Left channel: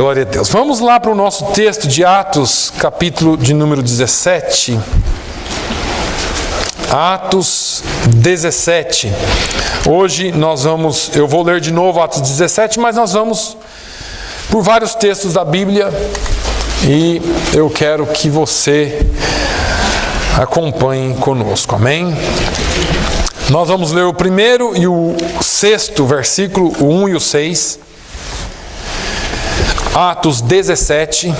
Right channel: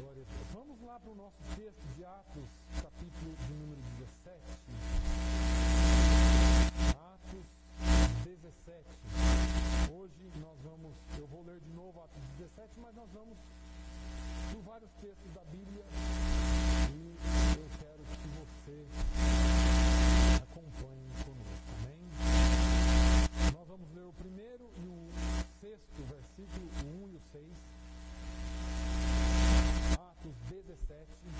Glória a Deus. Vamos lá para o nosso texto de Atos, capítulo de número 17. Atos 17. Hoje eu vou ler de novo Atos 17, mas nós vamos por vários textos da Bíblia e eu quero que você acompanhe conosco, amém? Nós vamos ler o primeiro e o sexto versículo, o 1 e o 6. Atos 17,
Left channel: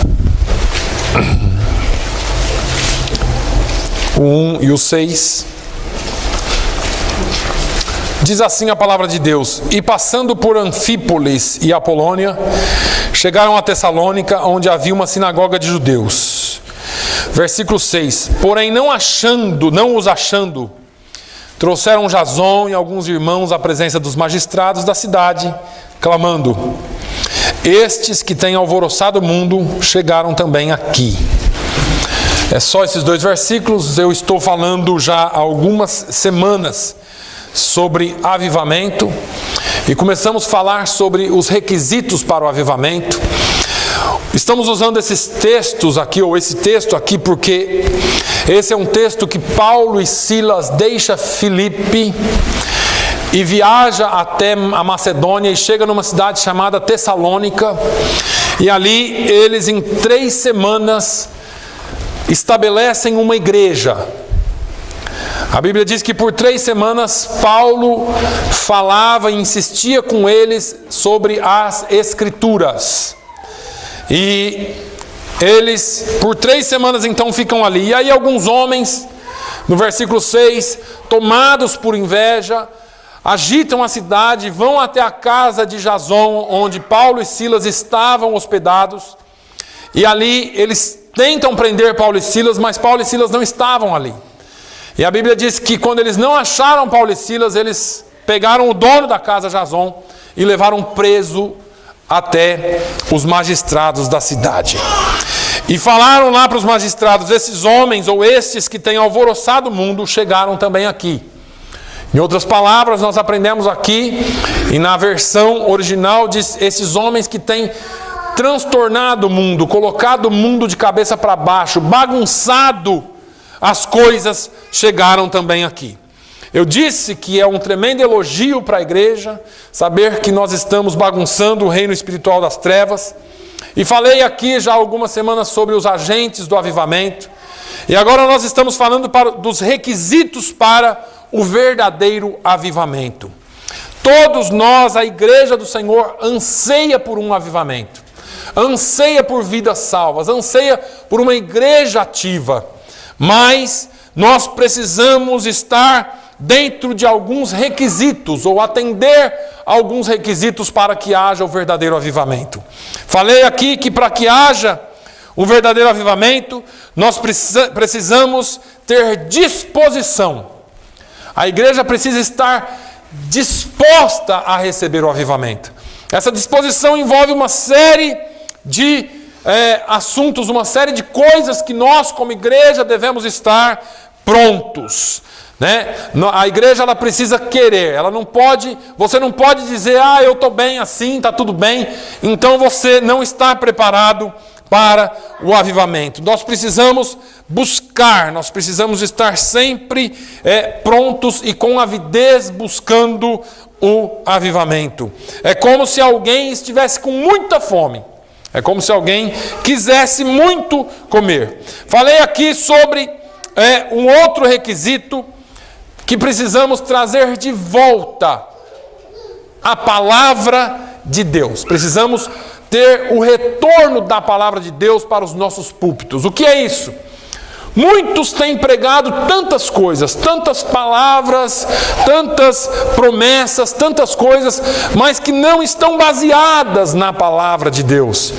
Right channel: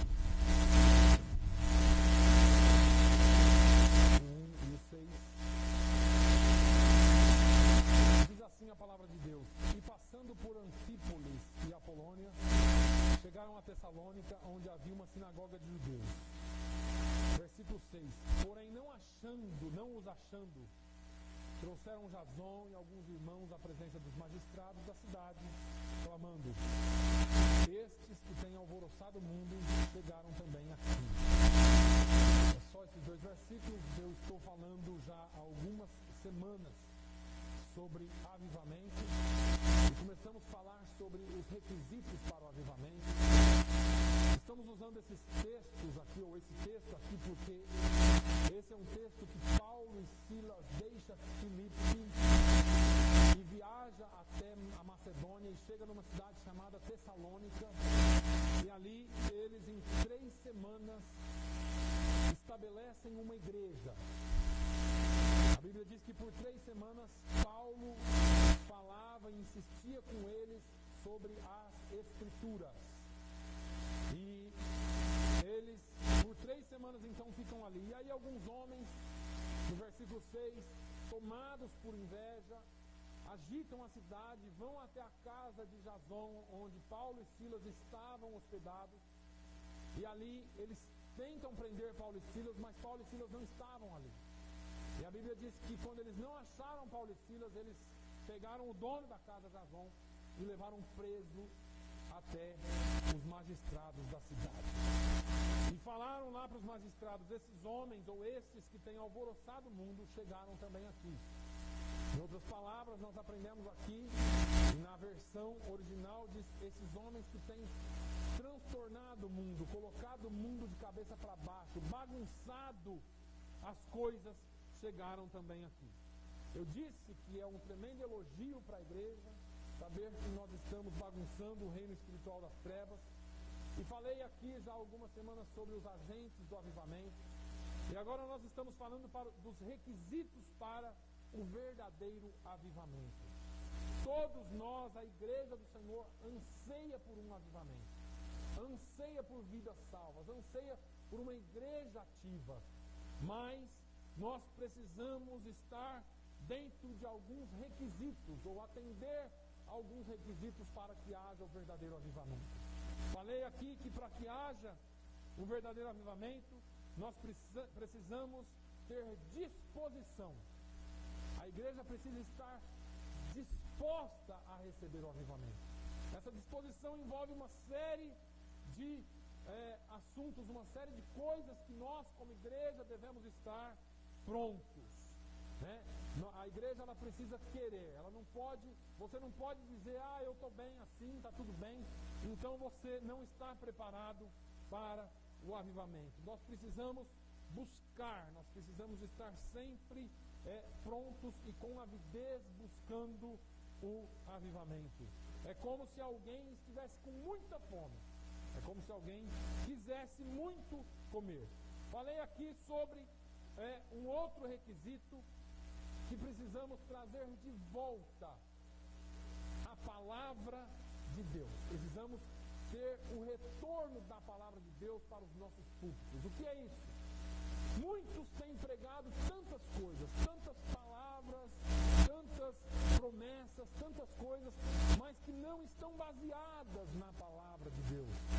o 1 e o 6. Diz assim a palavra de Deus: E passando por Anfípolis e Apolônia, chegaram a Tessalônica, onde havia uma sinagoga de judeus. Versículo 6. Porém não os achando, trouxeram Jason e alguns irmãos à presença dos magistrados da cidade, clamando: Estes que têm alvoroçado o mundo chegaram também aqui. É só esses dois versículos. Eu estou falando já há algumas semanas sobre avivamento e começamos a falar sobre os requisitos para o avivamento. Estamos usando esses textos aqui, ou esse texto aqui, porque esse é um texto que Paulo e Silas deixam Filipe e viaja até a Macedônia e chega numa cidade chamada Tessalônica, e ali eles em 3 semanas estabelecem uma igreja. A Bíblia diz que por 3 semanas Paulo falava e insistia com eles sobre as Escrituras. E eles por 3 semanas então ficam ali. E aí alguns homens, no versículo 6, tomados por inveja, agitam a cidade, vão até a casa de Jason, onde Paulo e Silas estavam hospedados. E ali eles tentam prender Paulo e Silas, mas Paulo e Silas não estavam ali. E a Bíblia diz que quando eles não acharam Paulo e Silas, eles pegaram o dono da casa, Jason, e levaram preso até os magistrados da cidade. E falaram lá para os magistrados: esses homens, ou estes que têm alvoroçado o mundo, chegaram também aqui. Em outras palavras, nós aprendemos aqui, e na versão original diz: esses homens que têm transtornado o mundo, colocado o mundo de cabeça para baixo, bagunçado as coisas, chegaram também aqui. Eu disse que é um tremendo elogio para a igreja saber que nós estamos bagunçando o reino espiritual das trevas. E falei aqui já há algumas semanas sobre os agentes do avivamento. E agora nós estamos falando dos requisitos para o verdadeiro avivamento. Todos nós, a igreja do Senhor, anseia por um avivamento. Anseia por vidas salvas. Anseia por uma igreja ativa. Mas nós precisamos estar dentro de alguns requisitos, ou atender a alguns requisitos para que haja o verdadeiro avivamento. Falei aqui que para que haja o verdadeiro avivamento, nós precisamos ter disposição. A igreja precisa estar disposta a receber o avivamento. Essa disposição envolve uma série de assuntos, uma série de coisas que nós como igreja devemos estar prontos, né? A igreja ela precisa querer, você não pode dizer: eu estou bem assim, está tudo bem, então você não está preparado para o avivamento. Nós precisamos buscar, nós precisamos estar sempre prontos e com avidez buscando o avivamento. É como se alguém estivesse com muita fome. É como se alguém quisesse muito comer. Falei aqui sobre um outro requisito que precisamos trazer de volta: a palavra de Deus. Precisamos ter o retorno da palavra de Deus para os nossos púlpitos. O que é isso? Muitos têm pregado tantas coisas, tantas palavras, tantas promessas, tantas coisas, mas que não estão baseadas na palavra de Deus.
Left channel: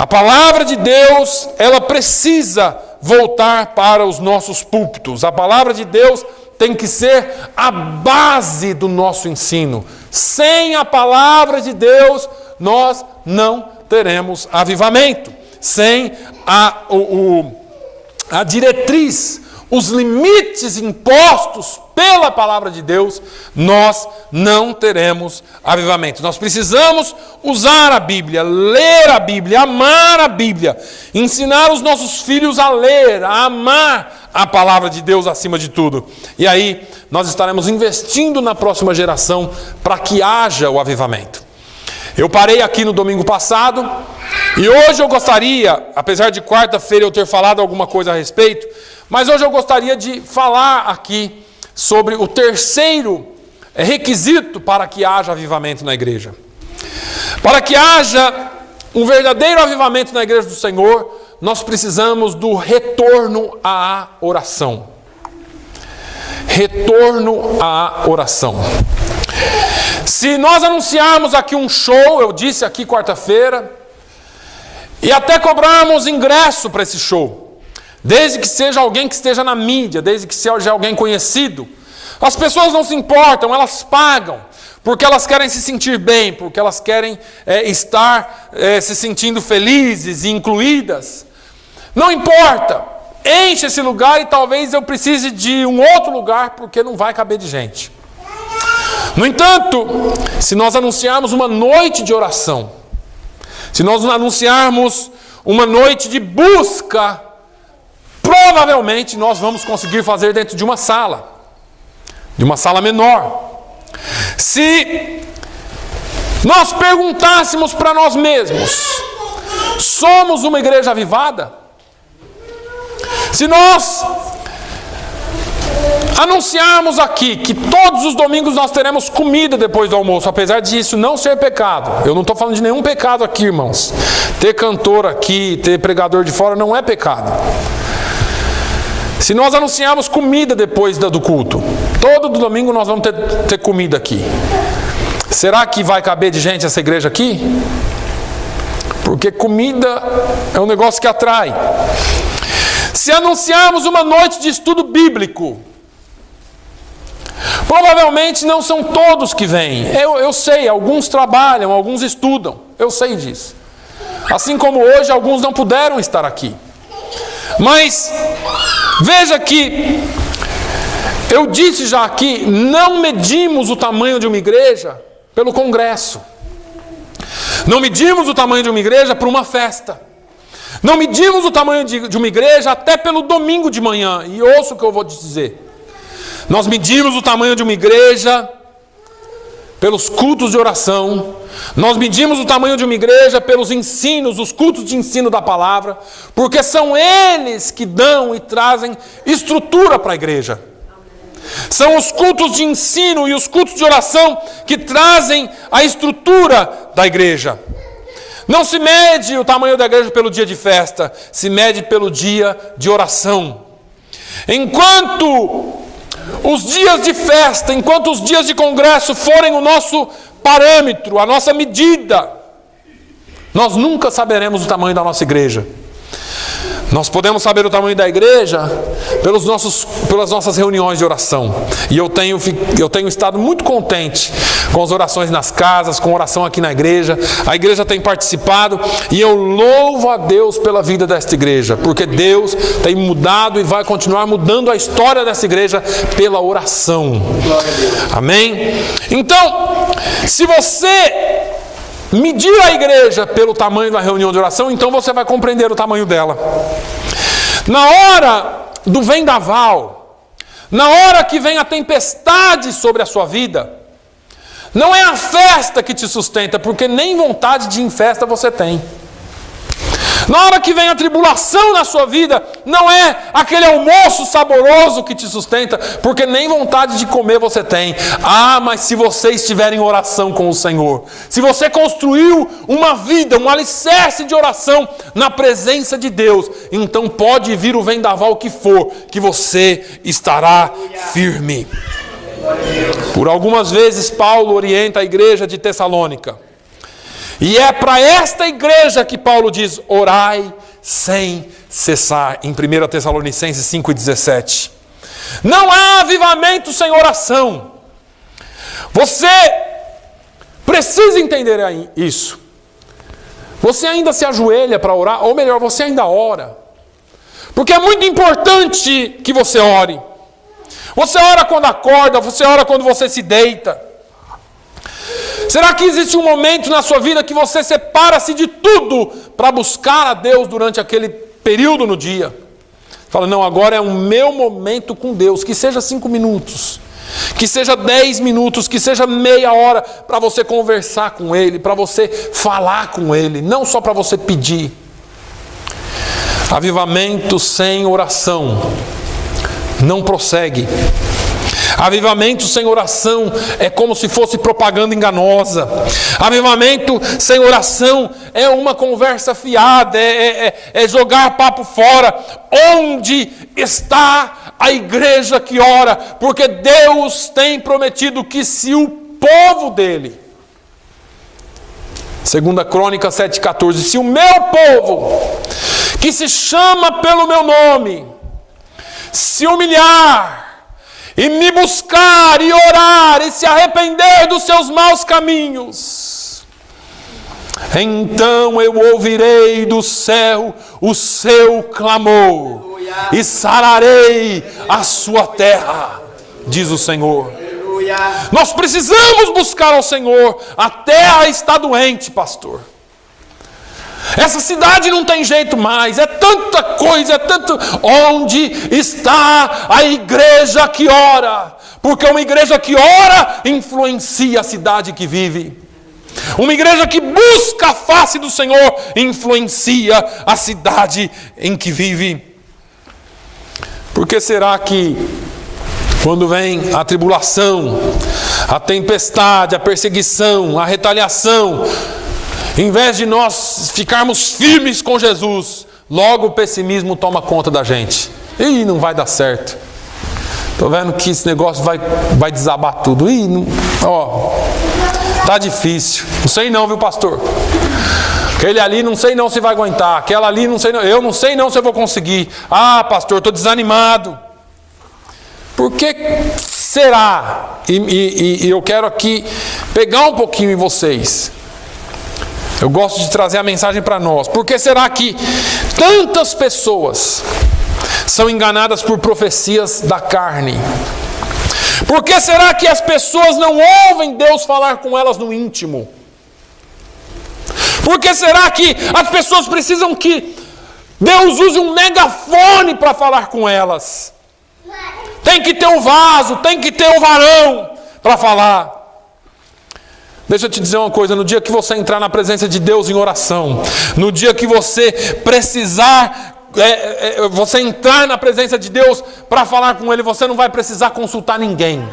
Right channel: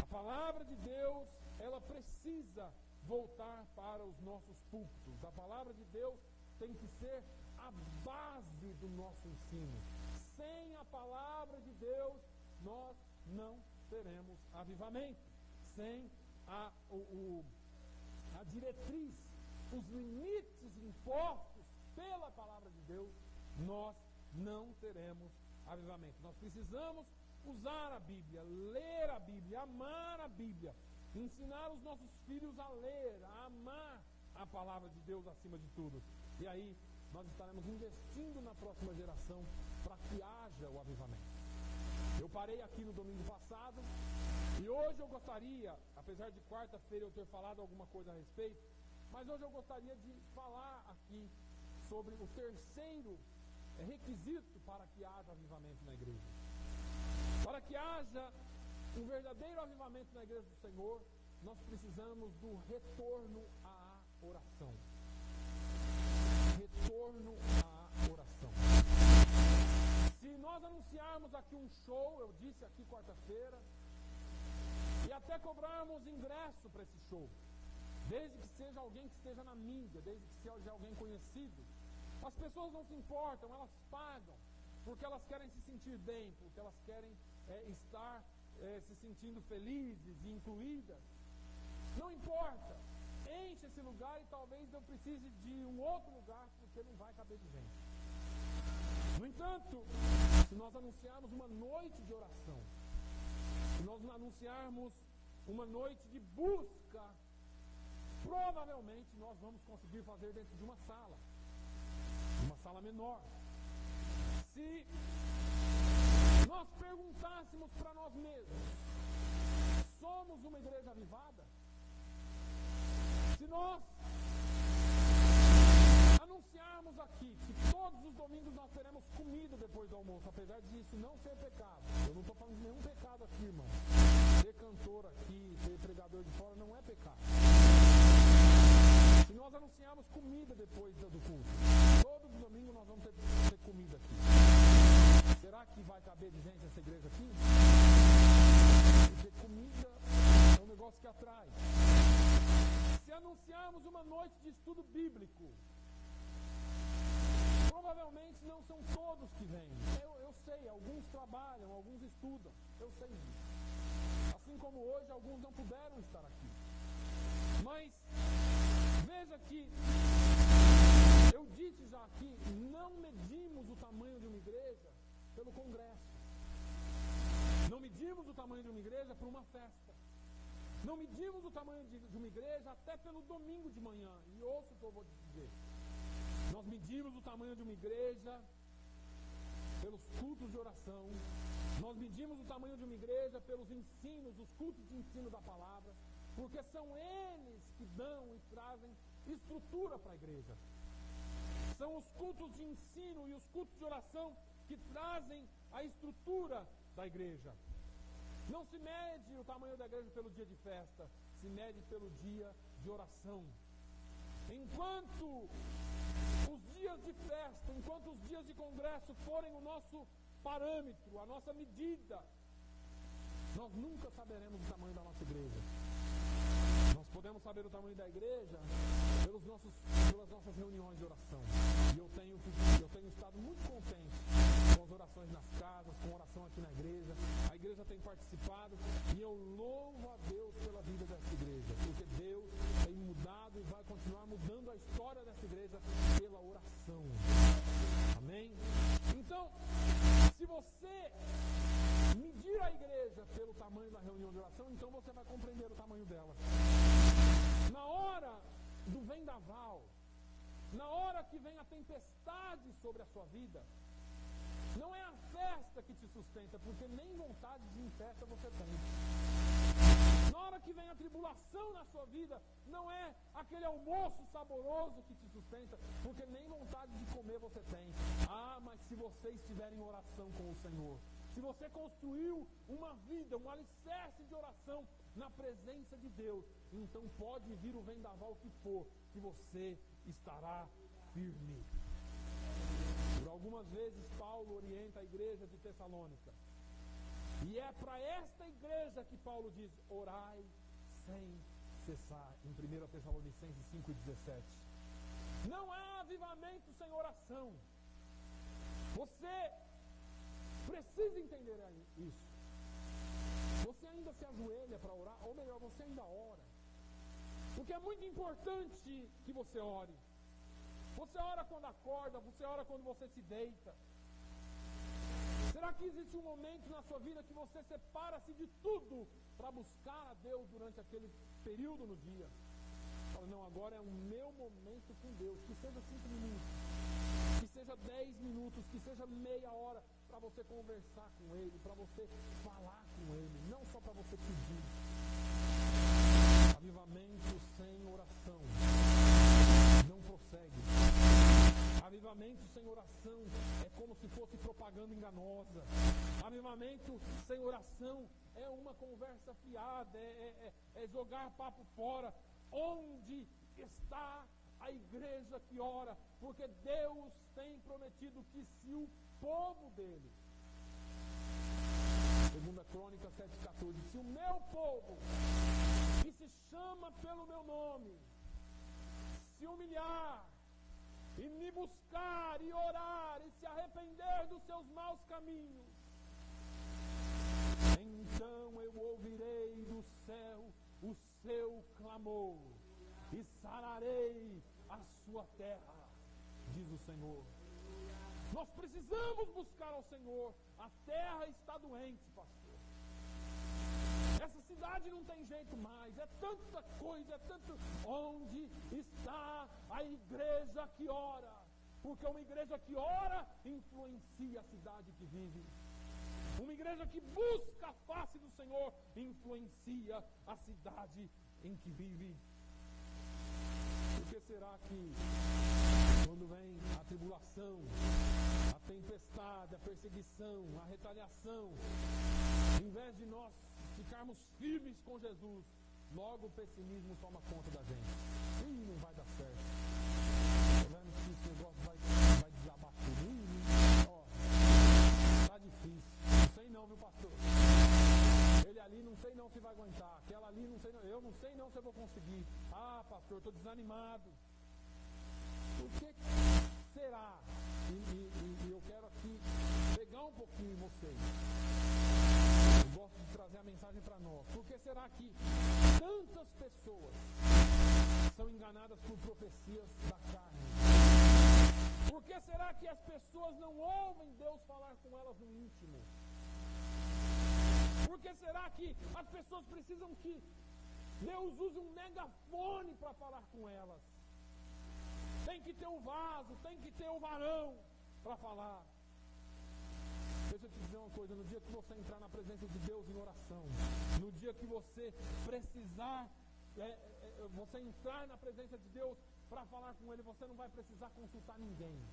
A palavra de Deus, ela precisa voltar para os nossos púlpitos. A palavra de Deus tem que ser a base do nosso ensino. Sem a palavra de Deus, nós não teremos avivamento. Sem a diretriz, os limites impostos pela palavra de Deus, nós não teremos avivamento. Nós precisamos usar a Bíblia, ler a Bíblia, amar a Bíblia, ensinar os nossos filhos a ler, a amar a palavra de Deus acima de tudo. E aí nós estaremos investindo na próxima geração para que haja o avivamento. Eu parei aqui no domingo passado e hoje eu gostaria, apesar de quarta-feira eu ter falado alguma coisa a respeito, mas hoje eu gostaria de falar aqui sobre o terceiro requisito para que haja avivamento na igreja. Para que haja um verdadeiro avivamento na igreja do Senhor, nós precisamos do retorno à oração. Retorno à oração. Se nós anunciarmos aqui um show, eu disse aqui quarta-feira, e até cobrarmos ingresso para esse show, desde que seja alguém que esteja na mídia, desde que seja alguém conhecido, as pessoas não se importam, elas pagam, porque elas querem se sentir bem, porque elas querem estar se sentindo felizes e incluídas. Não importa, enche esse lugar e talvez eu precise de um outro lugar, porque não vai caber de gente. No entanto, se nós anunciarmos uma noite de oração, se nós anunciarmos uma noite de busca, provavelmente nós vamos conseguir fazer dentro de uma sala menor. Se nós perguntássemos para nós mesmos, somos uma igreja avivada? Se nós anunciarmos aqui que todos os domingos nós teremos comida depois do almoço, apesar disso não ser pecado, eu não estou falando de nenhum pecado aqui, irmãos, ter cantor aqui, ter pregador de fora não é pecado. Se nós anunciarmos comida depois do culto, todo domingo nós vamos ter comida aqui, será que vai caber de gente essa igreja aqui? Porque comida é um negócio que atrai. Se anunciarmos uma noite de estudo bíblico, provavelmente não são todos que vêm. Eu sei, alguns trabalham, alguns estudam, eu sei disso. Assim como hoje alguns não puderam estar aqui. Mas veja que eu disse já aqui, não medimos o tamanho de uma igreja pelo congresso. Não medimos o tamanho de uma igreja por uma festa. Não medimos o tamanho de uma igreja até pelo domingo de manhã. E ouça o que eu vou te dizer. Nós medimos o tamanho de uma igreja pelos cultos de oração. Nós medimos o tamanho de uma igreja pelos ensinos, os cultos de ensino da palavra. Porque são eles que dão e trazem estrutura para a igreja. São os cultos de ensino e os cultos de oração que trazem a estrutura da igreja. Não se mede o tamanho da igreja pelo dia de festa, se mede pelo dia de oração. Enquanto os dias de festa, enquanto os dias de congresso forem o nosso parâmetro, a nossa medida, nós nunca saberemos o tamanho da nossa igreja. Nós podemos saber o tamanho da igreja pelas nossas reuniões de oração. E eu tenho estado muito contente com as orações nas casas, com a oração aqui na igreja. A igreja tem participado e eu louvo a Deus pela vida desta igreja, porque Deus tem mudado e vai continuar mudando a história dessa igreja pela oração. Amém? Então, se você medir a igreja pelo tamanho da reunião de oração, então você vai compreender o tamanho dela. Na hora do vendaval, na hora que vem a tempestade sobre a sua vida, não é a festa que te sustenta, porque nem vontade de ir em festa você tem. Na hora que vem a tribulação na sua vida, não é aquele almoço saboroso que te sustenta, porque nem vontade de comer você tem. Ah, mas se você estiver em oração com o Senhor, se você construiu uma vida, um alicerce de oração na presença de Deus, então pode vir o vendaval que for, que você estará firme. Por algumas vezes Paulo orienta a igreja de Tessalônica. E é para esta igreja que Paulo diz, orai sem cessar, em 1 Tessalonicenses 5,17. Não há avivamento sem oração. Você precisa entender isso. Você ainda se ajoelha para orar, ou melhor, você ainda ora. Porque é muito importante que você ore. Você ora quando acorda, você ora quando você se deita. Será que existe um momento na sua vida que você separa-se de tudo para buscar a Deus durante aquele período no dia? Fala, não, agora é o meu momento com Deus, que seja 5 minutos, que seja 10 minutos, que seja meia hora, para você conversar com Ele, para você falar com Ele, não só para você pedir. Avivamento sem oração não prossegue. Avivamento sem oração é como se fosse propaganda enganosa. Avivamento sem oração é uma conversa fiada, é jogar papo fora. Onde está a igreja que ora? Porque Deus tem prometido que se o povo dele, 2 Crônicas 7,14, se o meu povo, que se chama pelo meu nome, se humilhar, e me buscar, e orar, e se arrepender dos seus maus caminhos, então eu ouvirei do céu o seu clamor, e sararei a sua terra, diz o Senhor. Nós precisamos buscar ao Senhor. A terra está doente, pastor. Essa cidade não tem jeito mais, é tanta coisa, é tanto. Onde está a igreja que ora? Porque uma igreja que ora influencia a cidade que vive. Uma igreja que busca a face do Senhor influencia a cidade em que vive. Por que será que quando vem a tribulação, a tempestade, a perseguição, a retaliação, em vez de nós ficarmos firmes com Jesus, logo o pessimismo toma conta da gente? Ih, não vai dar certo. Estou vendo que esse negócio vai desabar tudo. Ih, não, tá difícil. Não sei não, viu, pastor? Aquele ali não sei não se vai aguentar. Aquela ali não sei não. Eu não sei não se eu vou conseguir. Ah, pastor, estou desanimado. Por que será? E eu quero aqui pegar um pouquinho em vocês. Eu gosto de trazer a mensagem para nós. Por que será que tantas pessoas são enganadas por profecias da carne? Por que será que as pessoas não ouvem Deus falar com elas no íntimo? Por que será que as pessoas precisam que Deus use um megafone para falar com elas? Tem que ter um vaso, tem que ter um varão para falar. Deixa eu te dizer uma coisa, no dia que você entrar na presença de Deus em oração, no dia que você precisar, você entrar na presença de Deus para falar com Ele, você não vai precisar consultar ninguém.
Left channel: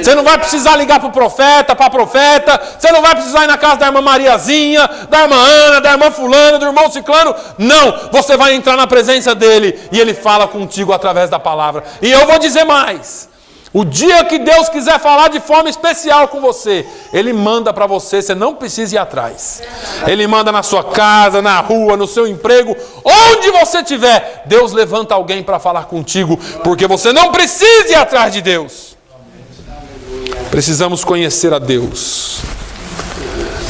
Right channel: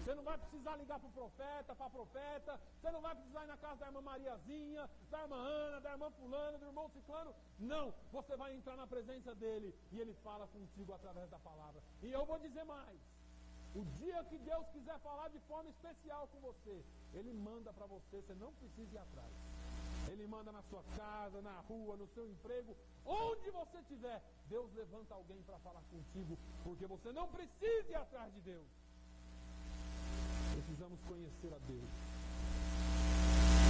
Você não vai precisar ligar para o profeta, para a profeta, você não vai precisar ir na casa da irmã Mariazinha, da irmã Ana, da irmã fulana, do irmão ciclano. Não, você vai entrar na presença dEle e Ele fala contigo através da palavra. E eu vou dizer mais. O dia que Deus quiser falar de forma especial com você, Ele manda para você, você não precisa ir atrás. Ele manda na sua casa, na rua, no seu emprego, onde você estiver. Deus levanta alguém para falar contigo, porque você não precisa ir atrás de Deus. Precisamos conhecer a Deus.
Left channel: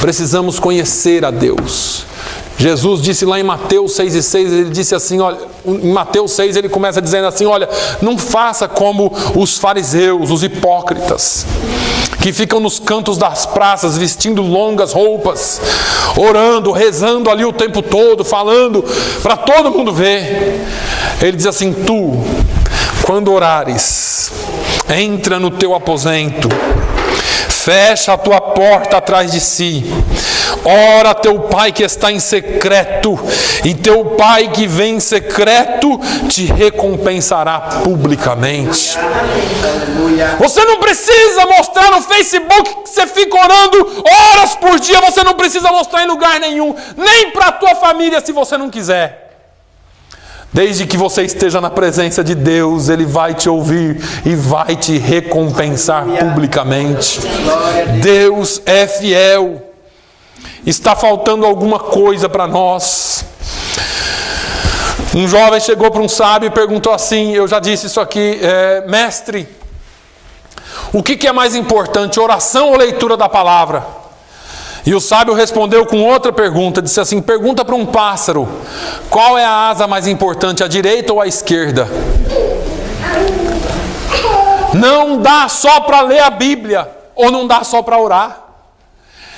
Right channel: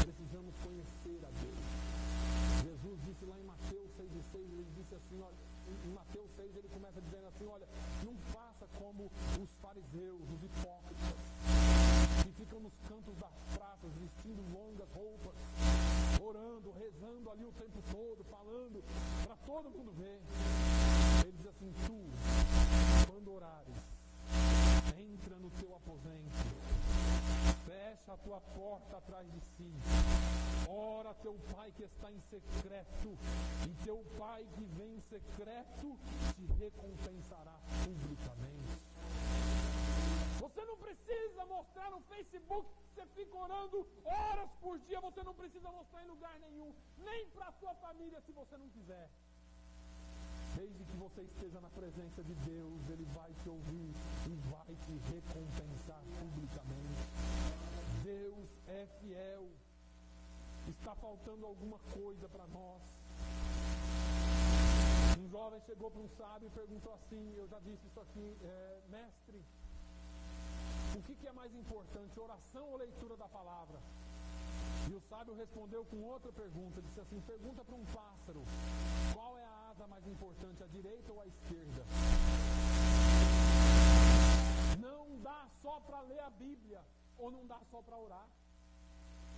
Precisamos conhecer a Deus. Jesus disse lá em Mateus 6,6, ele disse assim, olha, em Mateus 6 ele começa dizendo assim, olha, não faça como os fariseus, os hipócritas, que ficam nos cantos das praças, vestindo longas roupas, orando, rezando ali o tempo todo, falando para todo mundo ver. Ele diz assim, tu, quando orares, entra no teu aposento, fecha a tua porta atrás de si, ora a teu pai que está em secreto, e teu pai que vem em secreto te recompensará publicamente. Você não precisa mostrar no Facebook que você fica orando horas por dia, você não precisa mostrar em lugar nenhum, nem para a tua família se você não quiser. Desde que você esteja na presença de Deus, Ele vai te ouvir e vai te recompensar publicamente. Deus é fiel. Está faltando alguma coisa para nós. Um jovem chegou para um sábio e perguntou assim, eu já disse isso aqui, mestre, o que é mais importante, oração ou leitura da palavra? E o sábio respondeu com outra pergunta, disse assim, pergunta para um pássaro, qual é a asa mais importante, a direita ou a esquerda? Não dá só para ler a Bíblia, ou não dá só para orar.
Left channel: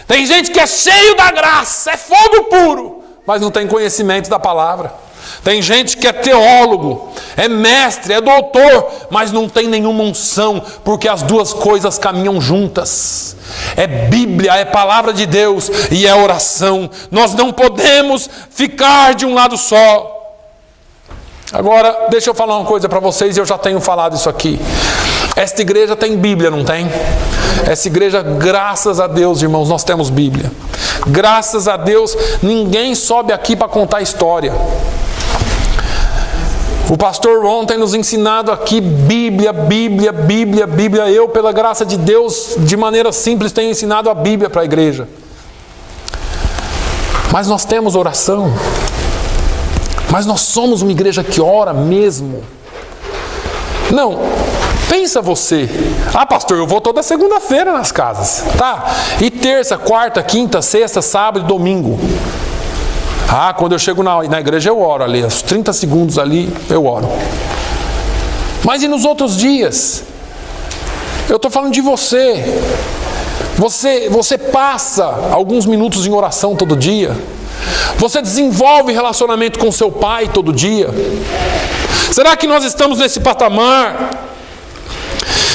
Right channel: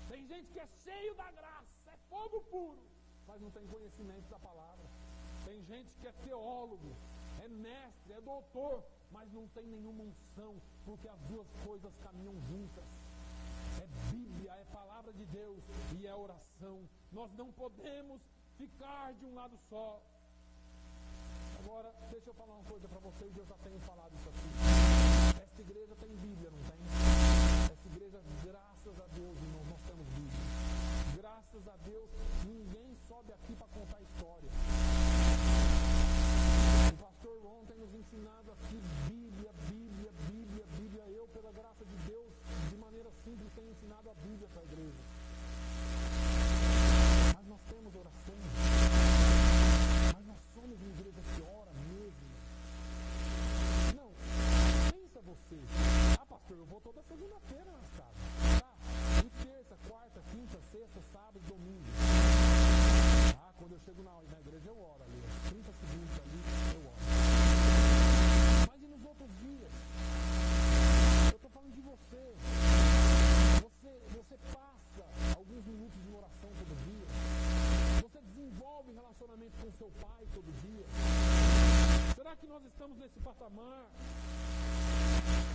Tem gente que é cheio da graça, é fogo puro, mas não tem conhecimento da palavra. Tem gente que é teólogo, é mestre, é doutor, mas não tem nenhuma unção, porque as duas coisas caminham juntas. É Bíblia, é palavra de Deus e é oração. Nós não podemos ficar de um lado só. Agora, deixa eu falar uma coisa para vocês, eu já tenho falado isso aqui. Esta igreja tem Bíblia, não tem? Essa igreja, graças a Deus, irmãos, nós temos Bíblia. Graças a Deus, ninguém sobe aqui para contar história. O pastor Ron tem nos ensinado aqui Bíblia. Eu, pela graça de Deus, de maneira simples, tenho ensinado a Bíblia para a igreja. Mas nós temos oração. Mas nós somos uma igreja que ora mesmo. Não, pensa você. Ah, pastor, eu vou toda segunda-feira nas casas. Tá, e terça, quarta, quinta, sexta, sábado e domingo. Ah, quando eu chego na igreja eu oro ali, aos 30 segundos ali eu oro. Mas e nos outros dias? Eu estou falando de você. Você passa alguns minutos em oração todo dia? Você desenvolve relacionamento com seu pai todo dia? Será que nós estamos nesse patamar?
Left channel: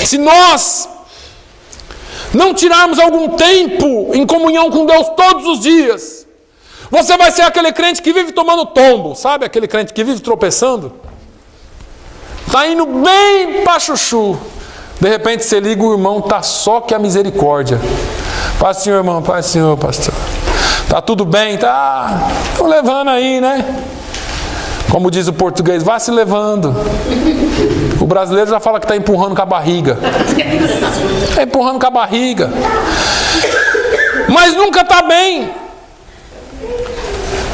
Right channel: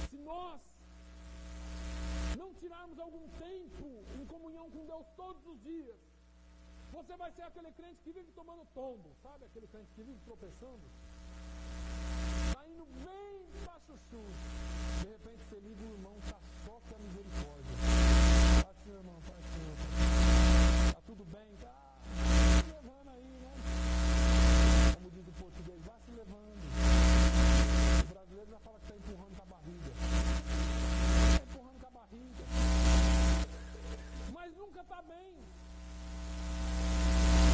Se nós não tirarmos algum tempo em comunhão com Deus todos os dias, você vai ser aquele crente que vive tomando tombo, sabe? Aquele crente que vive tropeçando. Está indo bem para chuchu. De repente você liga, o irmão está só que a misericórdia. Paz, Senhor, irmão, paz, Senhor, pastor. Está tudo bem? Tá. Estão levando aí, né? Como diz o português, vai se levando. O brasileiro já fala que está empurrando com a barriga. Está empurrando com a barriga. Mas nunca está bem.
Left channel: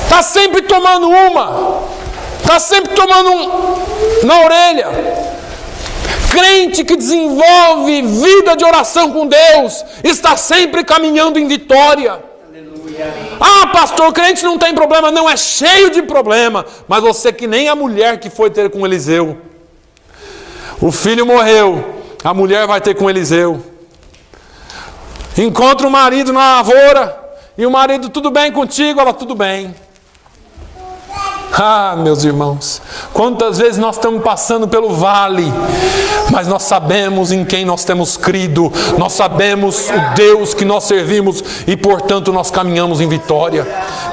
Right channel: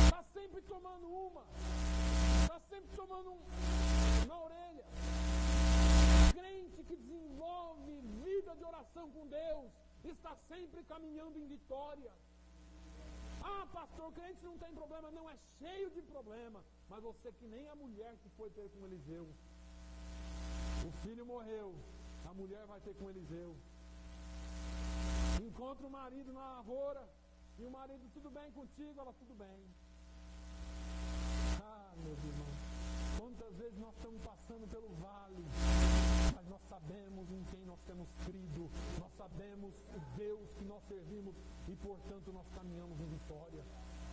Está sempre tomando uma. Está sempre tomando na orelha. Crente que desenvolve vida de oração com Deus está sempre caminhando em vitória. Ah, pastor, crente não tem problema. Não, é cheio de problema. Mas você que nem a mulher que foi ter com Eliseu. O filho morreu, a mulher vai ter com Eliseu. Encontra o marido na lavoura, e o marido, tudo bem contigo? Ela, tudo bem. Ah, meus irmãos, quantas vezes nós estamos passando pelo vale, mas nós sabemos em quem nós temos crido, nós sabemos o Deus que nós servimos e, portanto, nós caminhamos em vitória.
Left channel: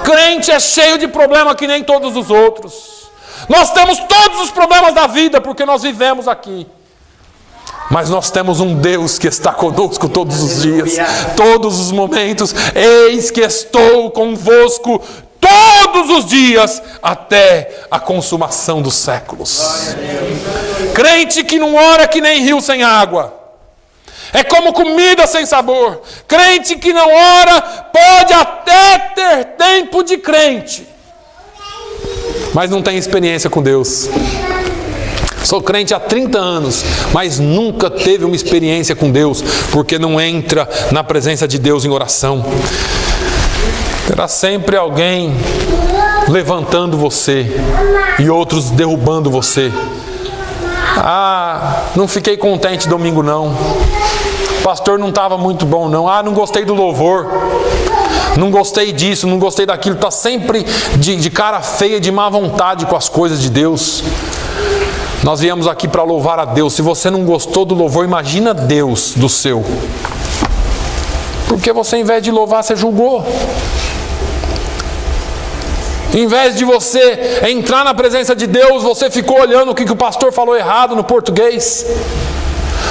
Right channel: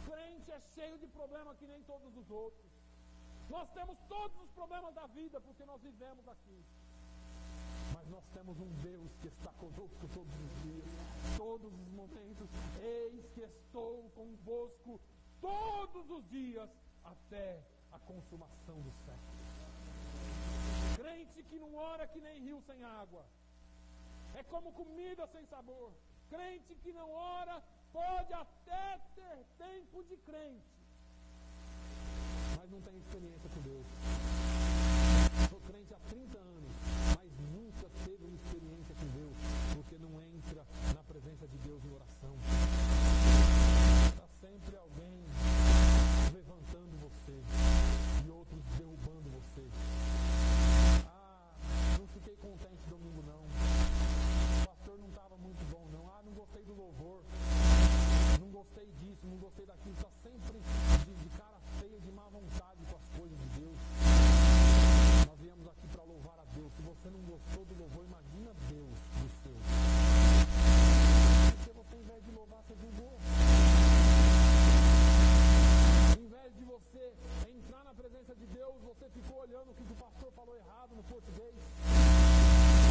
Crente é cheio de problema que nem todos os outros. Nós temos todos os problemas da vida porque nós vivemos aqui. Mas nós temos um Deus que está conosco todos os dias, todos os momentos. Eis que estou convosco todos os dias até a consumação dos séculos. Crente que não ora que nem rio sem água. É como comida sem sabor. Crente que não ora pode até ter tempo de crente, mas não tem experiência com Deus. Sou crente há 30 anos, mas nunca teve uma experiência com Deus, porque não entra na presença de Deus em oração. Terá sempre alguém levantando você e outros derrubando você. Ah, não fiquei contente domingo não. O pastor não estava muito bom não. Ah, não gostei do louvor. Não gostei disso, não gostei daquilo. Está sempre de cara feia, de má vontade com as coisas de Deus. Nós viemos aqui para louvar a Deus. Se você não gostou do louvor, imagina Deus do seu. Porque você, em vez de louvar, você julgou. Em vez de você entrar na presença de Deus, você ficou olhando o que o pastor falou errado no português.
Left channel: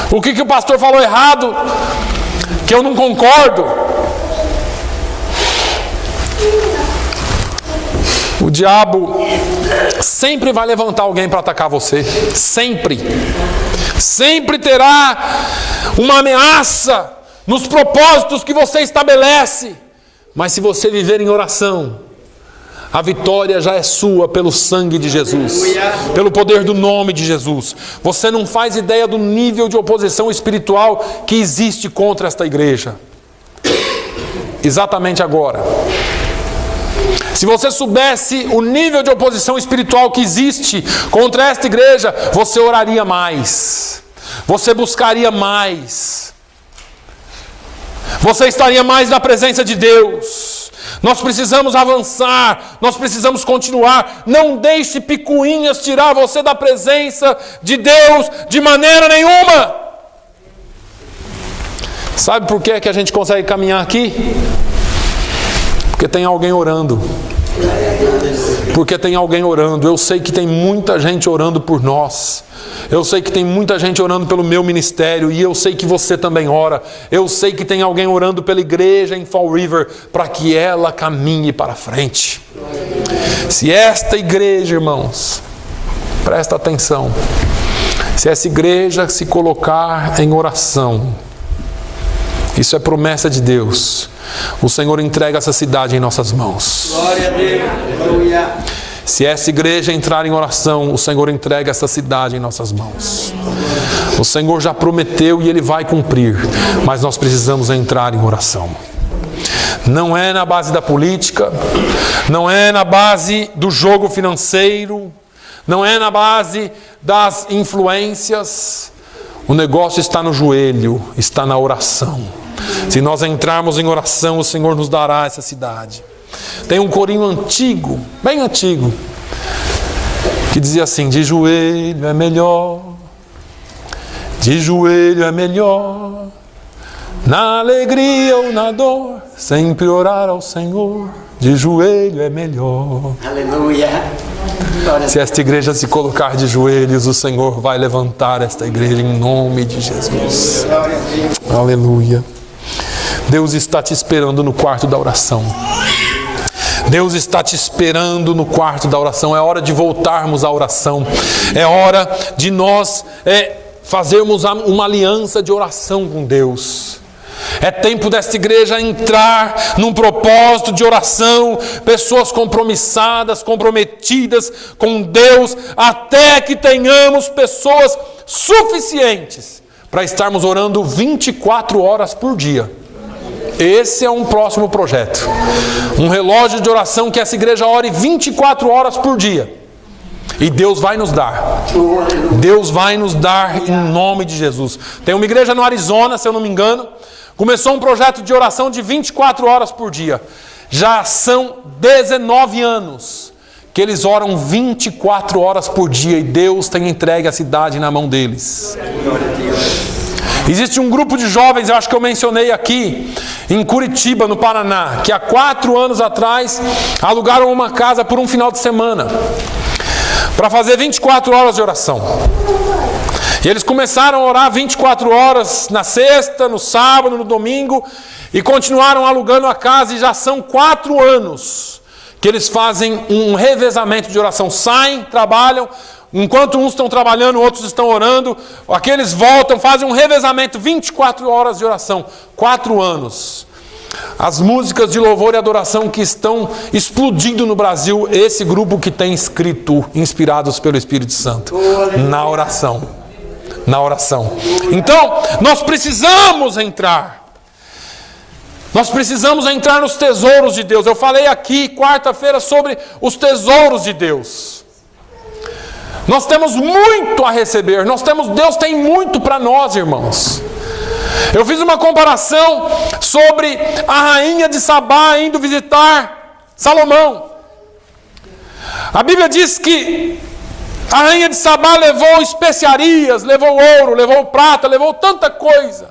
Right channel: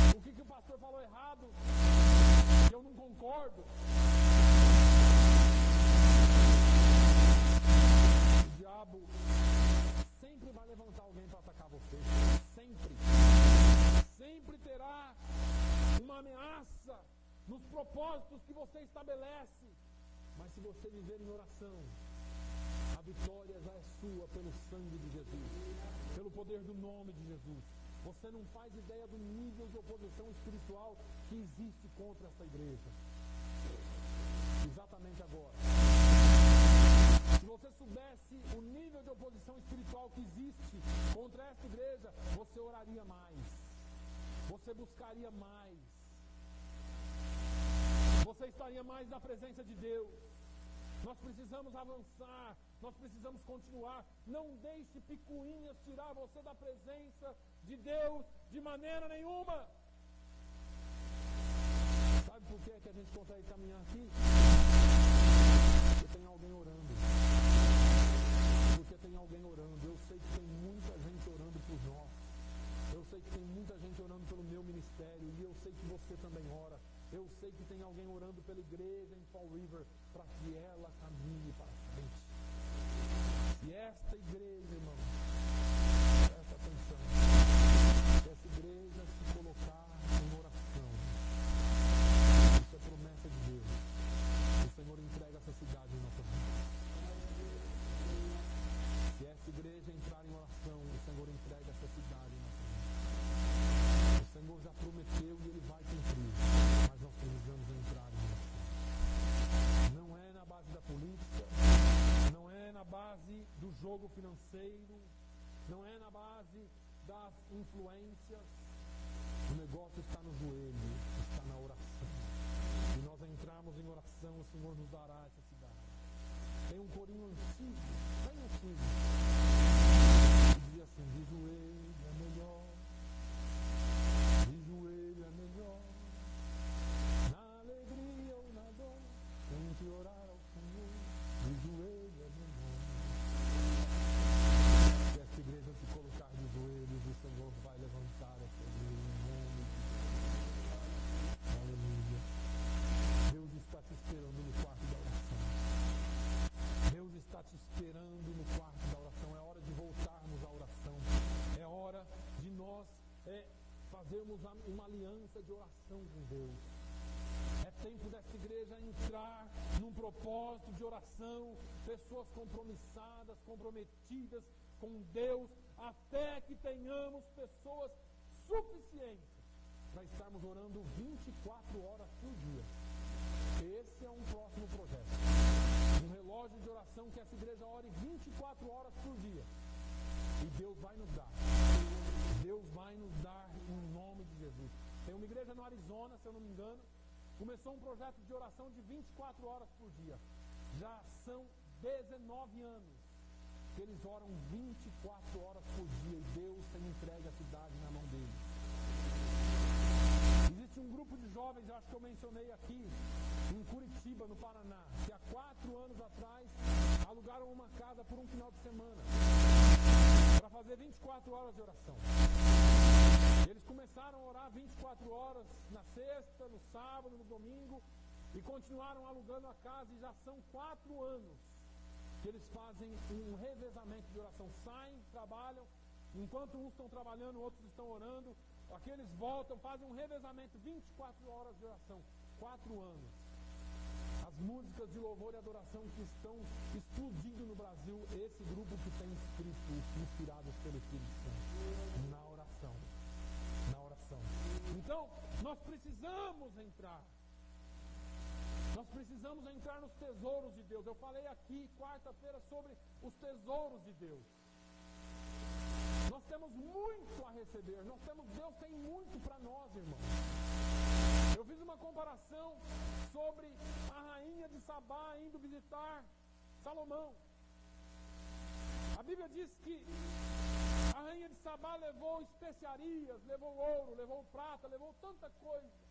O que o pastor falou errado, que eu não concordo. O diabo sempre vai levantar alguém para atacar você. Sempre. Sempre terá uma ameaça nos propósitos que você estabelece. Mas se você viver em oração, a vitória já é sua pelo sangue de Jesus, pelo poder do nome de Jesus. Você não faz ideia do nível de oposição espiritual que existe contra esta igreja. Exatamente agora. Se você soubesse o nível de oposição espiritual que existe contra esta igreja, você oraria mais. você buscaria mais. Você estaria mais na presença de Deus. Nós precisamos avançar, nós precisamos continuar. Não deixe picuinhas tirar você da presença de Deus de maneira nenhuma. Sabe por que a gente consegue caminhar aqui? Porque tem alguém orando. Porque tem alguém orando. Eu sei que tem muita gente orando por nós. Eu sei que tem muita gente orando pelo meu ministério. E eu sei que você também ora. Eu sei que tem alguém orando pela igreja em Fall River, para que ela caminhe para frente. Se esta igreja, irmãos, presta atenção, se essa igreja se colocar em oração, isso é promessa de Deus, o Senhor entrega essa cidade em nossas mãos. Glória a Deus. Aleluia. Se essa igreja entrar em oração, o Senhor entrega essa cidade em nossas mãos. O Senhor já prometeu e Ele vai cumprir, mas nós precisamos entrar em oração. Não é na base da política, não é na base do jogo financeiro, não é na base das influências. O negócio está no joelho, está na oração. Se nós entrarmos em oração, o Senhor nos dará essa cidade. Tem um corinho antigo, bem antigo, que dizia assim: de joelho é melhor, de joelho é melhor, na alegria ou na dor, sempre orar ao Senhor, de joelho é melhor. Aleluia. Se esta igreja se colocar de joelhos, o Senhor vai levantar esta igreja em nome de Jesus. Aleluia. Deus está te esperando no quarto da oração. Deus está te esperando no quarto da oração. É hora de voltarmos à oração. É hora de nós fazermos uma aliança de oração com Deus. É tempo desta igreja entrar num propósito de oração. Pessoas compromissadas, comprometidas com Deus, até que tenhamos pessoas suficientes para estarmos orando 24 horas por dia. Esse é um próximo projeto. Um relógio de oração que essa igreja ore 24 horas por dia. E Deus vai nos dar. Deus vai nos dar em nome de Jesus. Tem uma igreja no Arizona, se eu não me engano, começou um projeto de oração de 24 horas por dia. Já são 19 anos que eles oram 24 horas por dia. E Deus tem entregue a cidade na mão deles. Existe um grupo de jovens, eu acho que eu mencionei aqui, em Curitiba, no Paraná, que há 4 anos atrás alugaram uma casa por um final de semana para fazer 24 horas de oração. E eles começaram a orar 24 horas na sexta, no sábado, no domingo, e continuaram alugando a casa, e já são 4 anos que eles fazem um revezamento de oração. Saem, trabalham, enquanto uns estão trabalhando, outros estão orando, aqueles voltam, fazem um revezamento, 24 horas de oração, 4 anos. As músicas de louvor e adoração que estão explodindo no Brasil, esse grupo que tem escrito, inspirados pelo Espírito Santo, na oração. Na oração. Então, nós precisamos entrar. Nós precisamos entrar nos tesouros de Deus. Eu falei aqui, quarta-feira, sobre os tesouros de Deus. Nós temos muito a receber. Deus tem muito para nós, irmãos. Eu fiz uma comparação sobre a rainha de Sabá indo visitar Salomão. A Bíblia diz que a rainha de Sabá levou especiarias, levou ouro, levou prata, levou tanta coisa.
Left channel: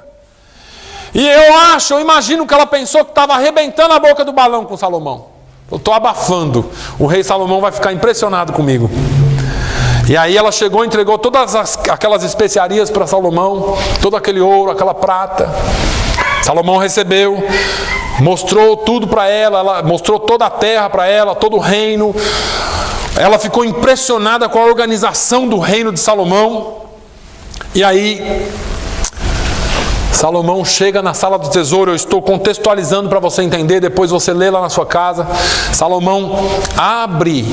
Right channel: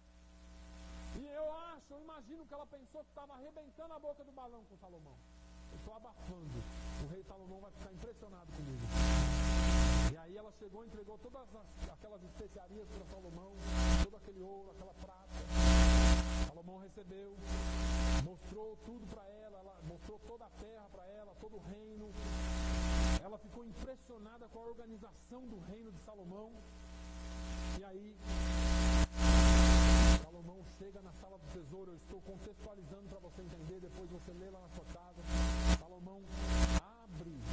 E eu imagino que ela pensou que estava arrebentando a boca do balão com Salomão. Eu estou abafando. O rei Salomão vai ficar impressionado comigo. E aí ela chegou e entregou todas aquelas especiarias para Salomão, todo aquele ouro, aquela prata. Salomão recebeu, mostrou tudo para ela, mostrou toda a terra para ela, todo o reino. Ela ficou impressionada com a organização do reino de Salomão. E aí Salomão chega na sala do tesouro. Eu estou contextualizando para você entender, depois você lê lá na sua casa. Salomão abre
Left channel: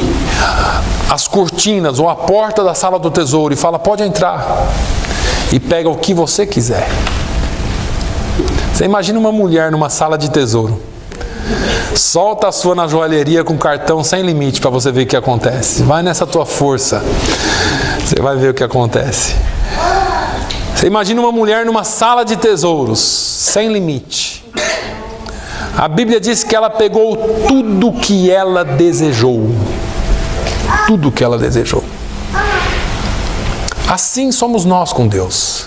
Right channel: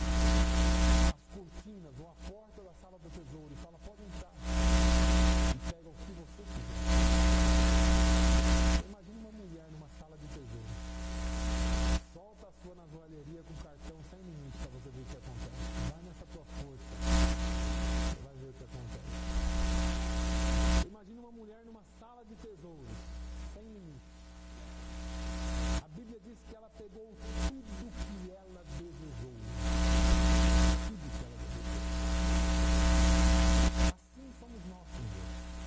as cortinas ou a porta da sala do tesouro e fala: pode entrar e pega o que você quiser. Você imagina uma mulher numa sala de tesouro. Solta a sua na joalheria com cartão sem limite para você ver o que acontece. Vai nessa tua força, você vai ver o que acontece. Você imagina uma mulher numa sala de tesouros, sem limite. A Bíblia diz que ela pegou tudo que ela desejou. Tudo que ela desejou. Assim somos nós com Deus.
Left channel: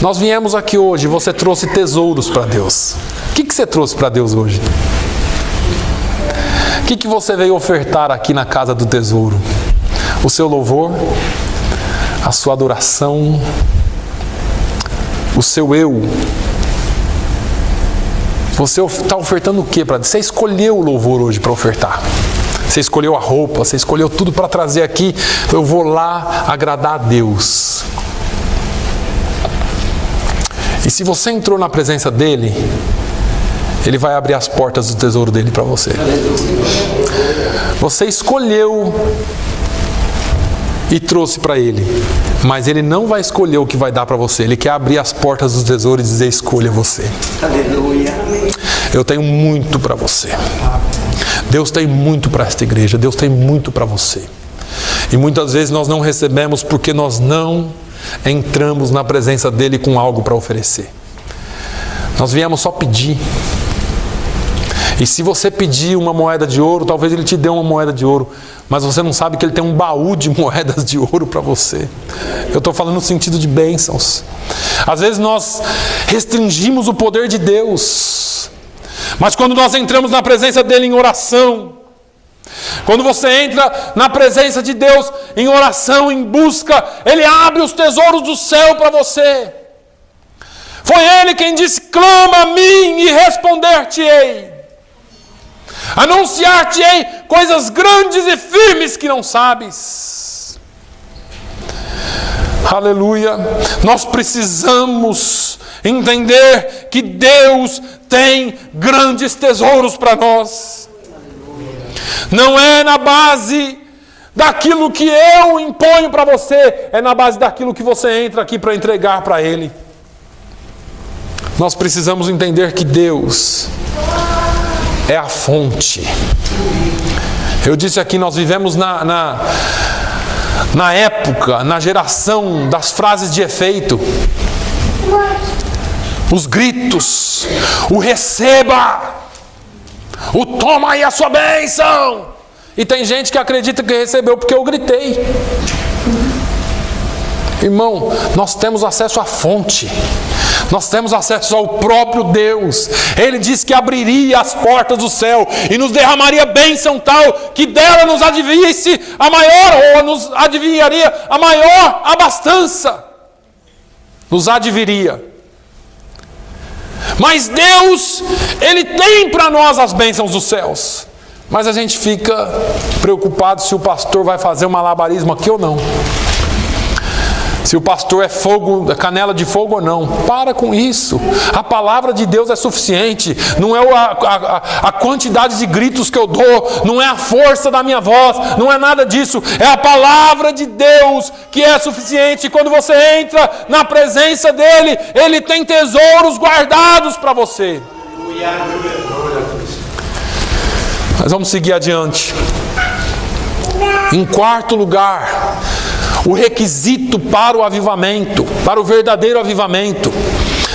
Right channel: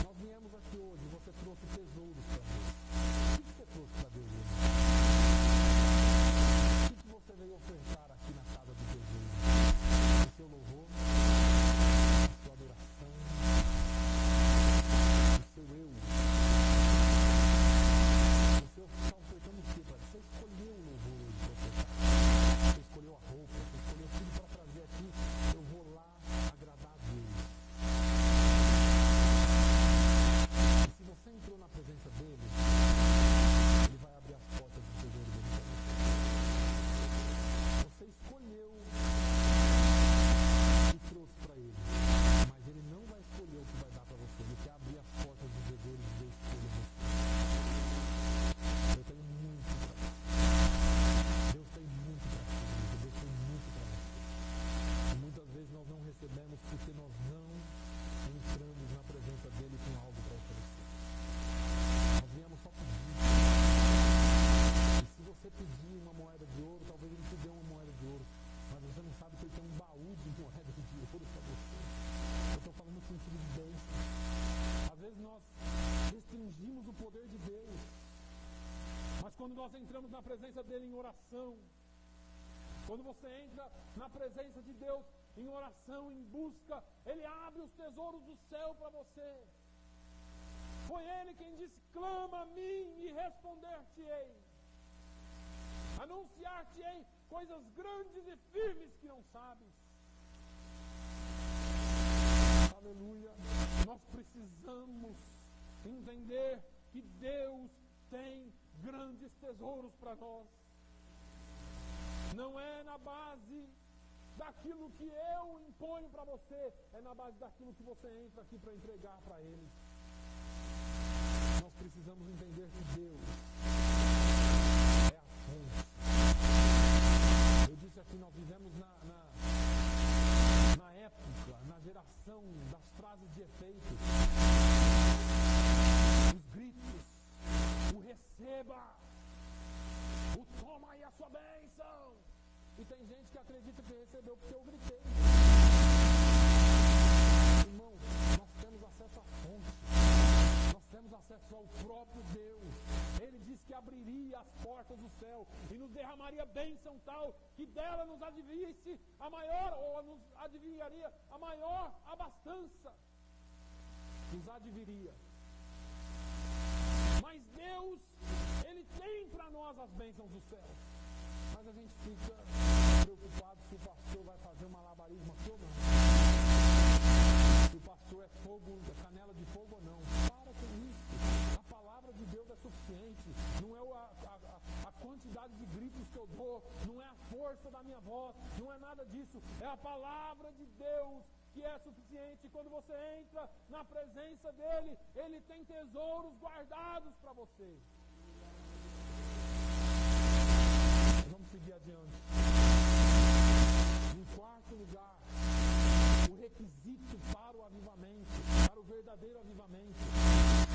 Nós viemos aqui hoje, você trouxe tesouros para Deus. O que você trouxe para Deus hoje? O que você veio ofertar aqui na casa do tesouro? O seu louvor? A sua adoração? O seu eu? Você está ofertando o que para Deus? Você escolheu o louvor hoje para ofertar. Você escolheu a roupa, você escolheu tudo para trazer aqui. Eu vou lá agradar a Deus. E se você entrou na presença dEle, Ele vai abrir as portas do tesouro dEle para você. Você escolheu e trouxe para Ele, mas Ele não vai escolher o que vai dar para você. Ele quer abrir as portas do tesouro e dizer: escolha você. Aleluia. Eu tenho muito para você. Deus tem muito para esta igreja. Deus tem muito para você. E muitas vezes nós não recebemos porque nós não entramos na presença dEle com algo para oferecer. Nós viemos só pedir. E se você pedir uma moeda de ouro, talvez Ele te dê uma moeda de ouro, mas você não sabe que Ele tem um baú de moedas de ouro para você. Eu estou falando no sentido de bênçãos. Às vezes nós restringimos o poder de Deus, mas quando nós entramos na presença dEle em oração, quando você entra na presença de Deus em oração, em busca, Ele abre os tesouros do céu para você. Foi Ele quem disse: clama a mim e responder-te-ei. Anunciar-te-ei coisas grandes e firmes que não sabes. Aleluia. Nós precisamos entender que Deus tem grandes tesouros para nós. Não é na base daquilo que eu imponho para você, é na base daquilo que você entra aqui para entregar para Ele. Nós precisamos entender que Deus é a fonte. Eu disse aqui, nós vivemos na época, na geração das frases de efeito. Os gritos, o receba, o toma aí a sua bênção. E tem gente que acredita que recebeu porque eu gritei. Irmão, nós temos acesso à fonte. Nós temos acesso ao próprio Deus. Ele disse que abriria as portas do céu e nos derramaria bênção tal que dela nos adivinhasse a maior, ou nos adivinharia a maior abastança. Nos adivinharia. Mas Deus, Ele tem para nós as bênçãos dos céus. Mas a gente fica preocupado se o pastor vai fazer um malabarismo aqui ou não. Se o pastor é fogo, é canela de fogo ou não. Para com isso. A palavra de Deus é suficiente. Não é a quantidade de gritos que eu dou, não é a força da minha voz, não é nada disso. É a palavra de Deus que é suficiente. E quando você entra na presença dEle, Ele tem tesouros guardados para você. Mas vamos seguir adiante. Em quarto lugar, o requisito para o avivamento, para o verdadeiro avivamento,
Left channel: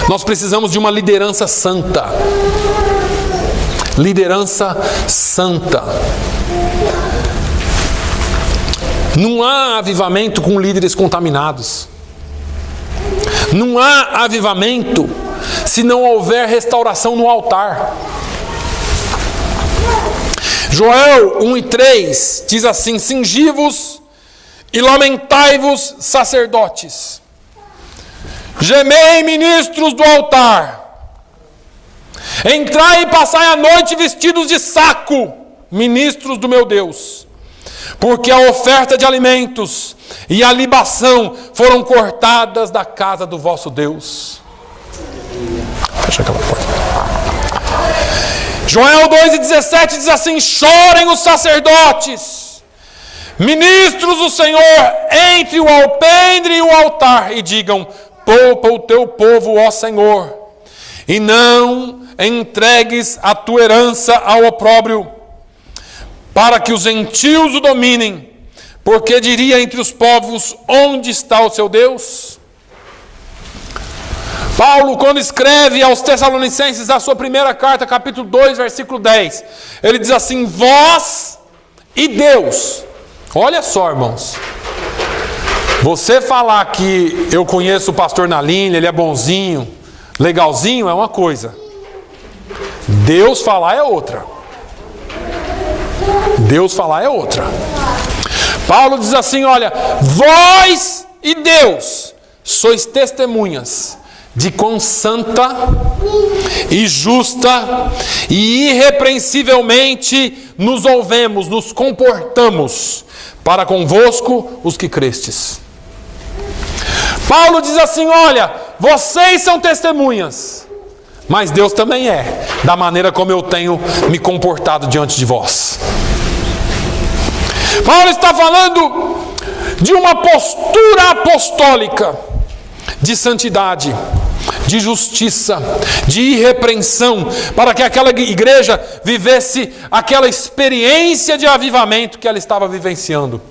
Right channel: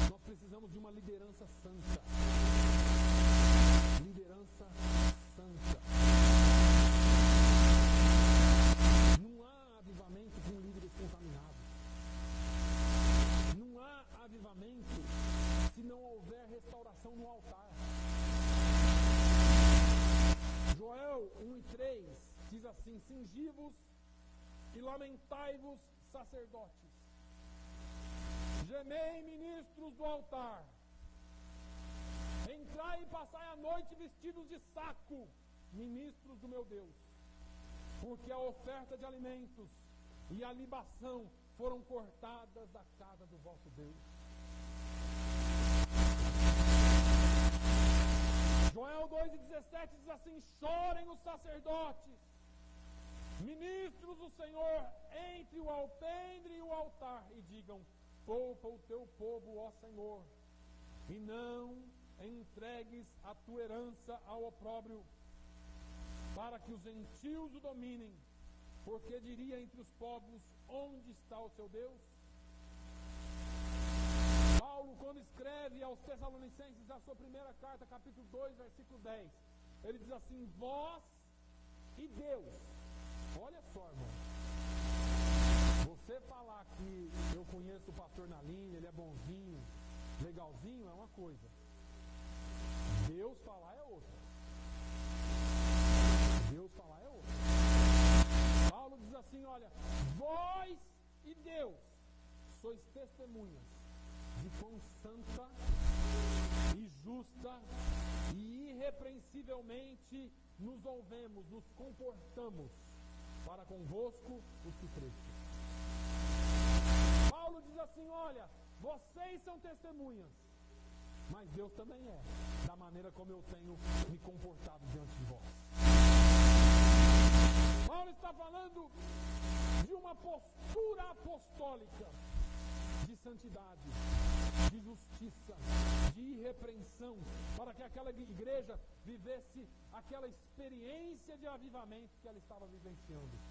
nós precisamos de uma liderança santa. Liderança santa. Não há avivamento com líderes contaminados. Não há avivamento se não houver restauração no altar. Joel 1:3 diz assim: cingi-vos e lamentai-vos, sacerdotes. Gemei, ministros do altar. Entrai e passai a noite vestidos de saco, ministros do meu Deus. Porque a oferta de alimentos e a libação foram cortadas da casa do vosso Deus. Fecha aquela porta. Joel 2:17 diz assim: chorem os sacerdotes, ministros do Senhor, entre o alpendre e o altar, e digam: poupa o teu povo, ó Senhor, e não entregues a tua herança ao opróbrio, para que os gentios o dominem, porque diria entre os povos: onde está o seu Deus? Paulo, quando escreve aos Tessalonicenses a sua primeira carta, capítulo 2, versículo 10, ele diz assim: vós e Deus. Olha só, irmãos. Você falar que eu conheço o pastor Naline, ele é bonzinho, legalzinho, é uma coisa. Deus falar é outra. Deus falar é outra. Paulo diz assim: olha, vós e Deus sois testemunhas de quão santa e justa e irrepreensivelmente nos ouvemos, nos comportamos para convosco os que crestes. Paulo diz assim: olha, vocês são testemunhas, mas Deus também é, da maneira como eu tenho me comportado diante de vós. Paulo está falando de uma postura apostólica, de santidade, de justiça, de irrepreensão, para que aquela igreja vivesse aquela experiência de avivamento que ela estava vivenciando.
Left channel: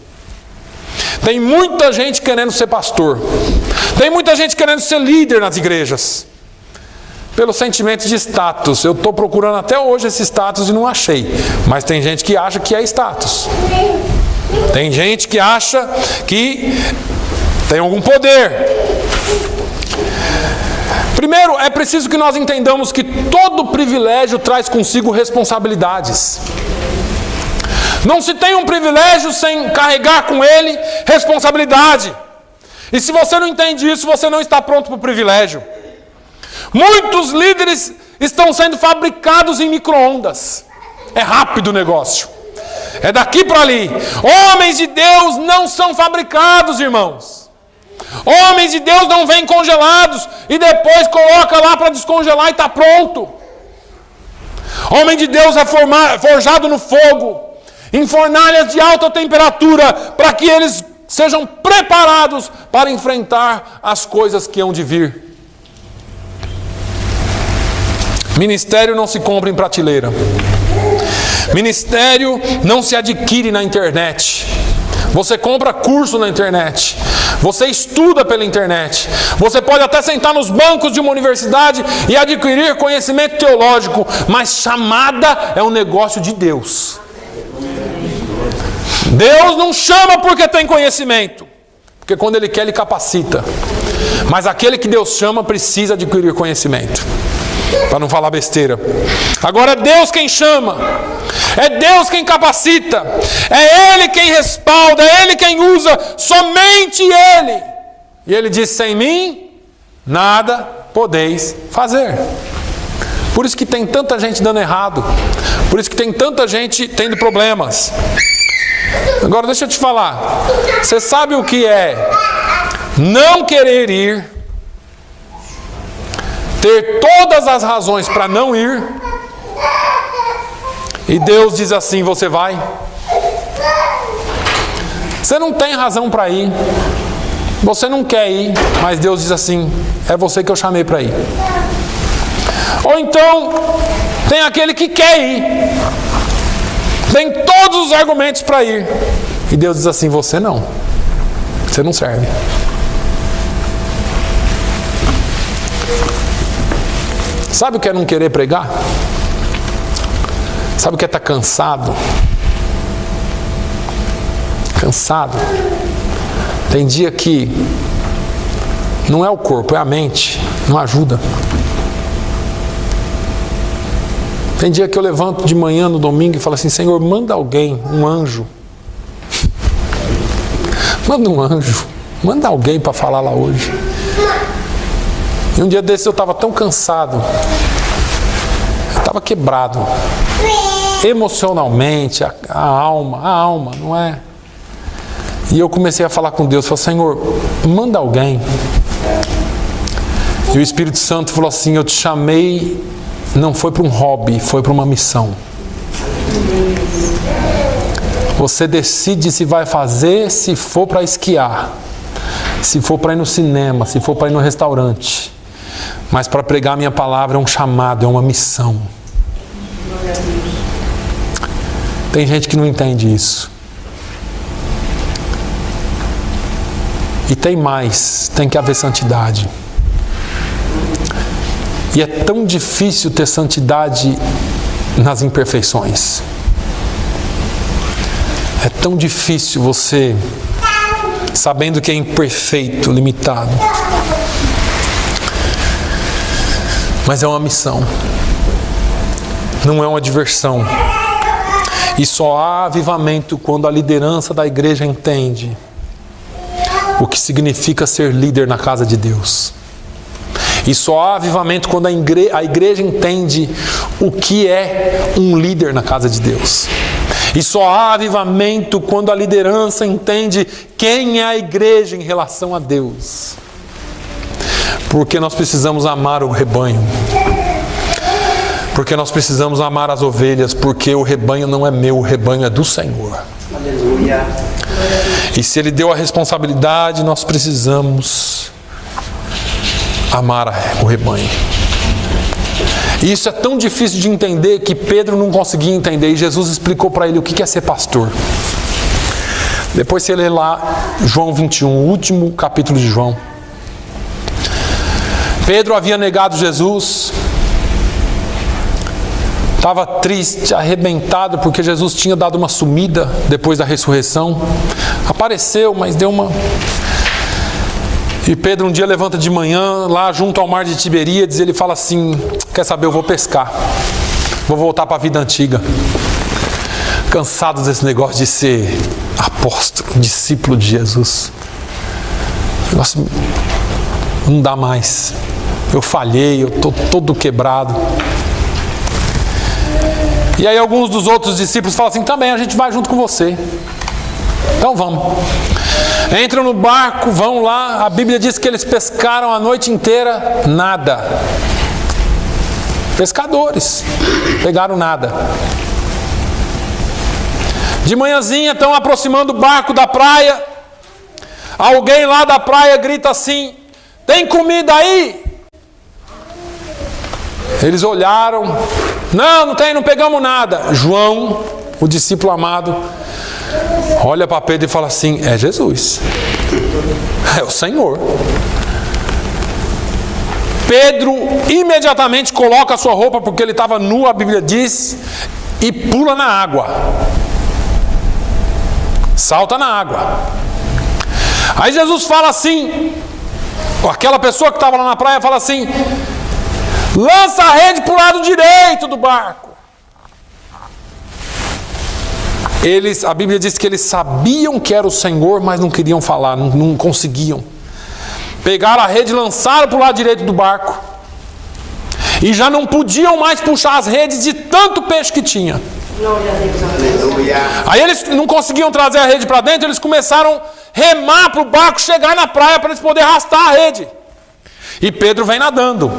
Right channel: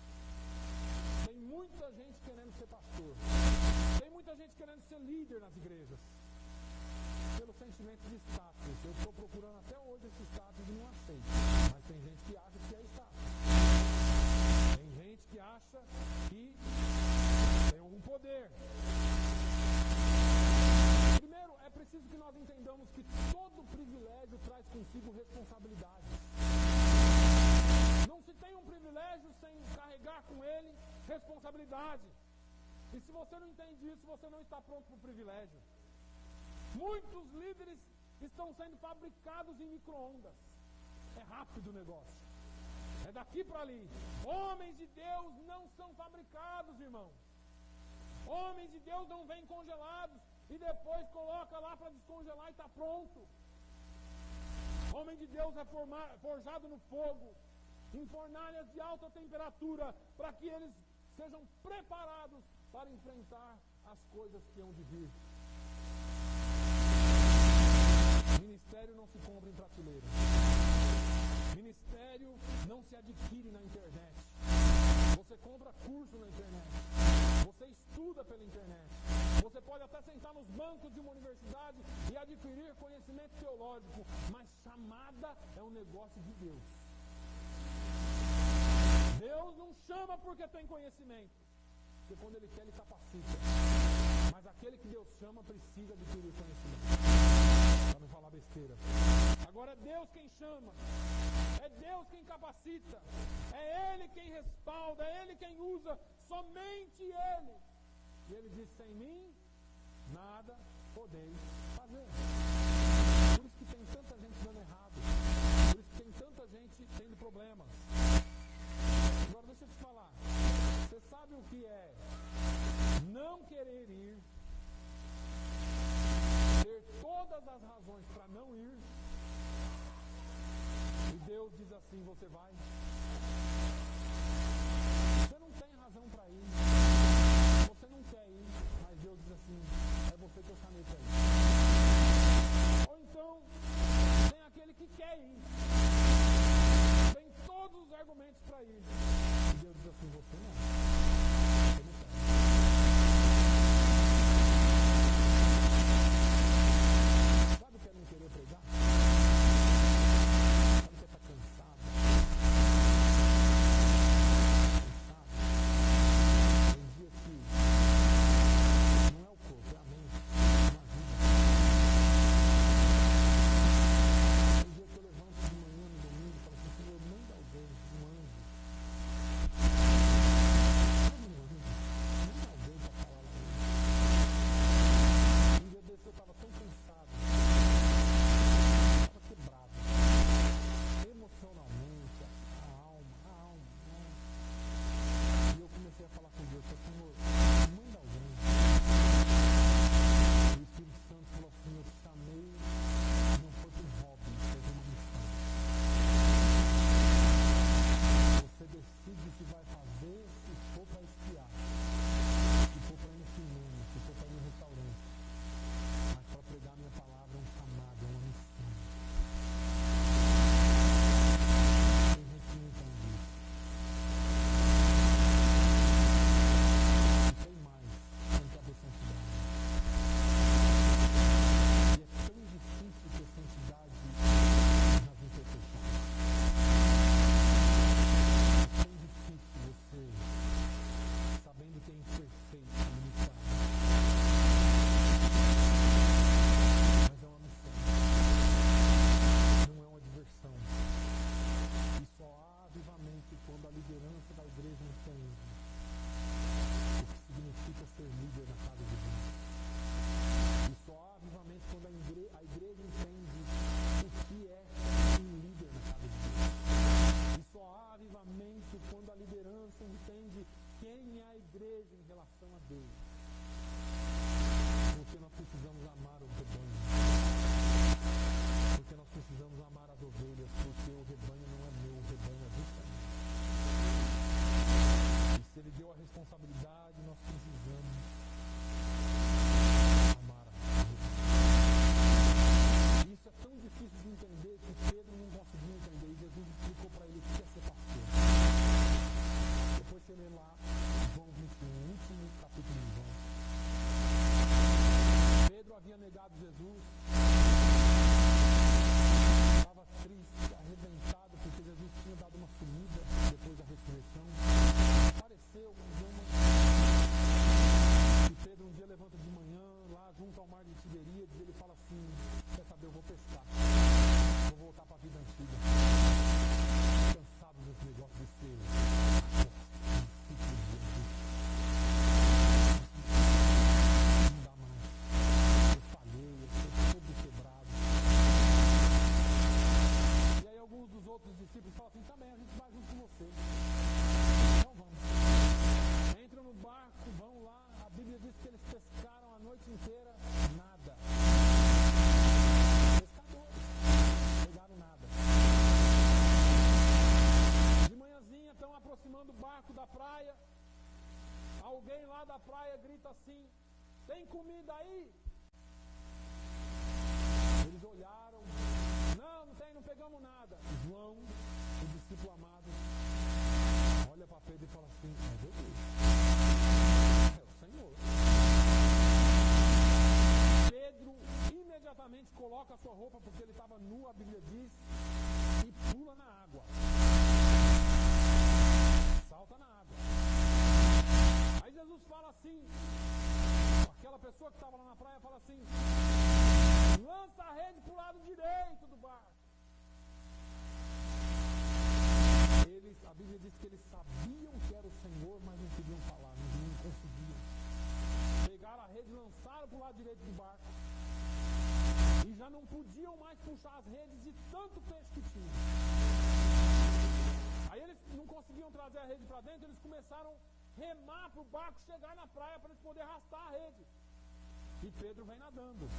Tem muita gente querendo ser pastor, tem muita gente querendo ser líder nas igrejas, pelo sentimento de status. Eu estou procurando até hoje esse status e não achei, mas tem gente que acha que é status. Tem gente que acha que tem algum poder. Primeiro, é preciso que nós entendamos que todo privilégio traz consigo responsabilidades. Não se tem um privilégio sem carregar com ele responsabilidade. E se você não entende isso, você não está pronto para o privilégio. Muitos líderes estão sendo fabricados em micro-ondas. É rápido o negócio. É daqui para ali. Homens de Deus não são fabricados, irmãos. Homens de Deus não vêm congelados e depois coloca lá para descongelar e está pronto. Homem de Deus é forjado no fogo, em fornalhas de alta temperatura, para que eles sejam preparados para enfrentar as coisas que hão de vir. Ministério não se compra em prateleira. Ministério não se adquire na internet. Você compra curso na internet. Você estuda pela internet. Você pode até sentar nos bancos de uma universidade e adquirir conhecimento teológico, mas chamada é um negócio de Deus. Deus não chama porque tem conhecimento, porque quando Ele quer, Ele capacita. Mas aquele que Deus chama precisa adquirir conhecimento, para não falar besteira. Agora é Deus quem chama, é Deus quem capacita, é Ele quem respalda, é Ele quem usa, somente Ele. E Ele diz: sem mim, nada podeis fazer. Por isso que tem tanta gente dando errado, por isso que tem tanta gente tendo problemas. Agora deixa eu te falar, você sabe o que é não querer ir, ter todas as razões para não ir, e Deus diz assim: você vai? Você não tem razão para ir, você não quer ir, mas Deus diz assim: é você que eu chamei para ir. Ou então tem aquele que quer ir, tem todos os argumentos para ir, e Deus diz assim: você não serve. Sabe o que é não querer pregar? Sabe o que é estar cansado? Cansado. Tem dia que não é o corpo, é a mente, não ajuda. Tem dia que eu levanto de manhã no domingo e falo assim: Senhor, manda alguém, um anjo. Manda um anjo, manda alguém para falar lá hoje. E um dia desses eu estava tão cansado, eu estava quebrado, emocionalmente, a alma, não é? E eu comecei a falar com Deus, falei: Senhor, manda alguém. E o Espírito Santo falou assim: eu te chamei, não foi para um hobby, foi para uma missão. Você decide se vai fazer, se for para esquiar, se for para ir no cinema, se for para ir no restaurante. Mas para pregar a minha palavra é um chamado, é uma missão. Tem gente que não entende isso. E tem mais, tem que haver santidade. E é tão difícil ter santidade nas imperfeições. É tão difícil você, sabendo que é imperfeito, limitado. Mas é uma missão. Não é uma diversão. E só há avivamento quando a liderança da igreja entende o que significa ser líder na casa de Deus. E só há avivamento quando a igreja entende o que é um líder na casa de Deus. E só há avivamento quando a liderança entende quem é a igreja em relação a Deus. Porque nós precisamos amar o rebanho. Porque nós precisamos amar as ovelhas, porque o rebanho não é meu, o rebanho é do Senhor. Aleluia. E se Ele deu a responsabilidade, nós precisamos amar o rebanho. E isso é tão difícil de entender que Pedro não conseguia entender, e Jesus explicou para ele o que é ser pastor. Depois você lê lá João 21, o último capítulo de João. Pedro havia negado Jesus, estava triste, arrebentado, porque Jesus tinha dado uma sumida depois da ressurreição. Apareceu, mas deu uma... E Pedro um dia levanta de manhã, lá junto ao mar de Tiberíades, ele fala assim: quer saber, eu vou pescar, vou voltar para a vida antiga. Cansado desse negócio de ser apóstolo, discípulo de Jesus. O negócio não dá mais. Eu falhei, eu estou todo quebrado. E aí alguns dos outros discípulos falam assim: também, a gente vai junto com você. Então vamos. Entram no barco, vão lá. A Bíblia diz que eles pescaram a noite inteira, nada. Pescadores, pegaram nada. De manhãzinha estão aproximando o barco da praia. Alguém lá da praia grita assim: tem comida aí? Eles olharam: não tem, não pegamos nada. João, o discípulo amado, olha para Pedro e fala assim: é Jesus, é o Senhor. Pedro imediatamente coloca a sua roupa, porque ele estava nu, a Bíblia diz, e pula na água. Salta na água. Aí Jesus fala assim, aquela pessoa que estava lá na praia fala assim: lança a rede para o lado direito do barco. A Bíblia diz que eles sabiam que era o Senhor, mas não queriam falar, não conseguiam. Pegaram a rede e lançaram para o lado direito do barco. E já não podiam mais puxar as redes de tanto peixe que tinha. Aí eles não conseguiam trazer a rede para dentro, eles começaram a remar para o barco chegar na praia para eles poderem arrastar a rede. E Pedro vem nadando.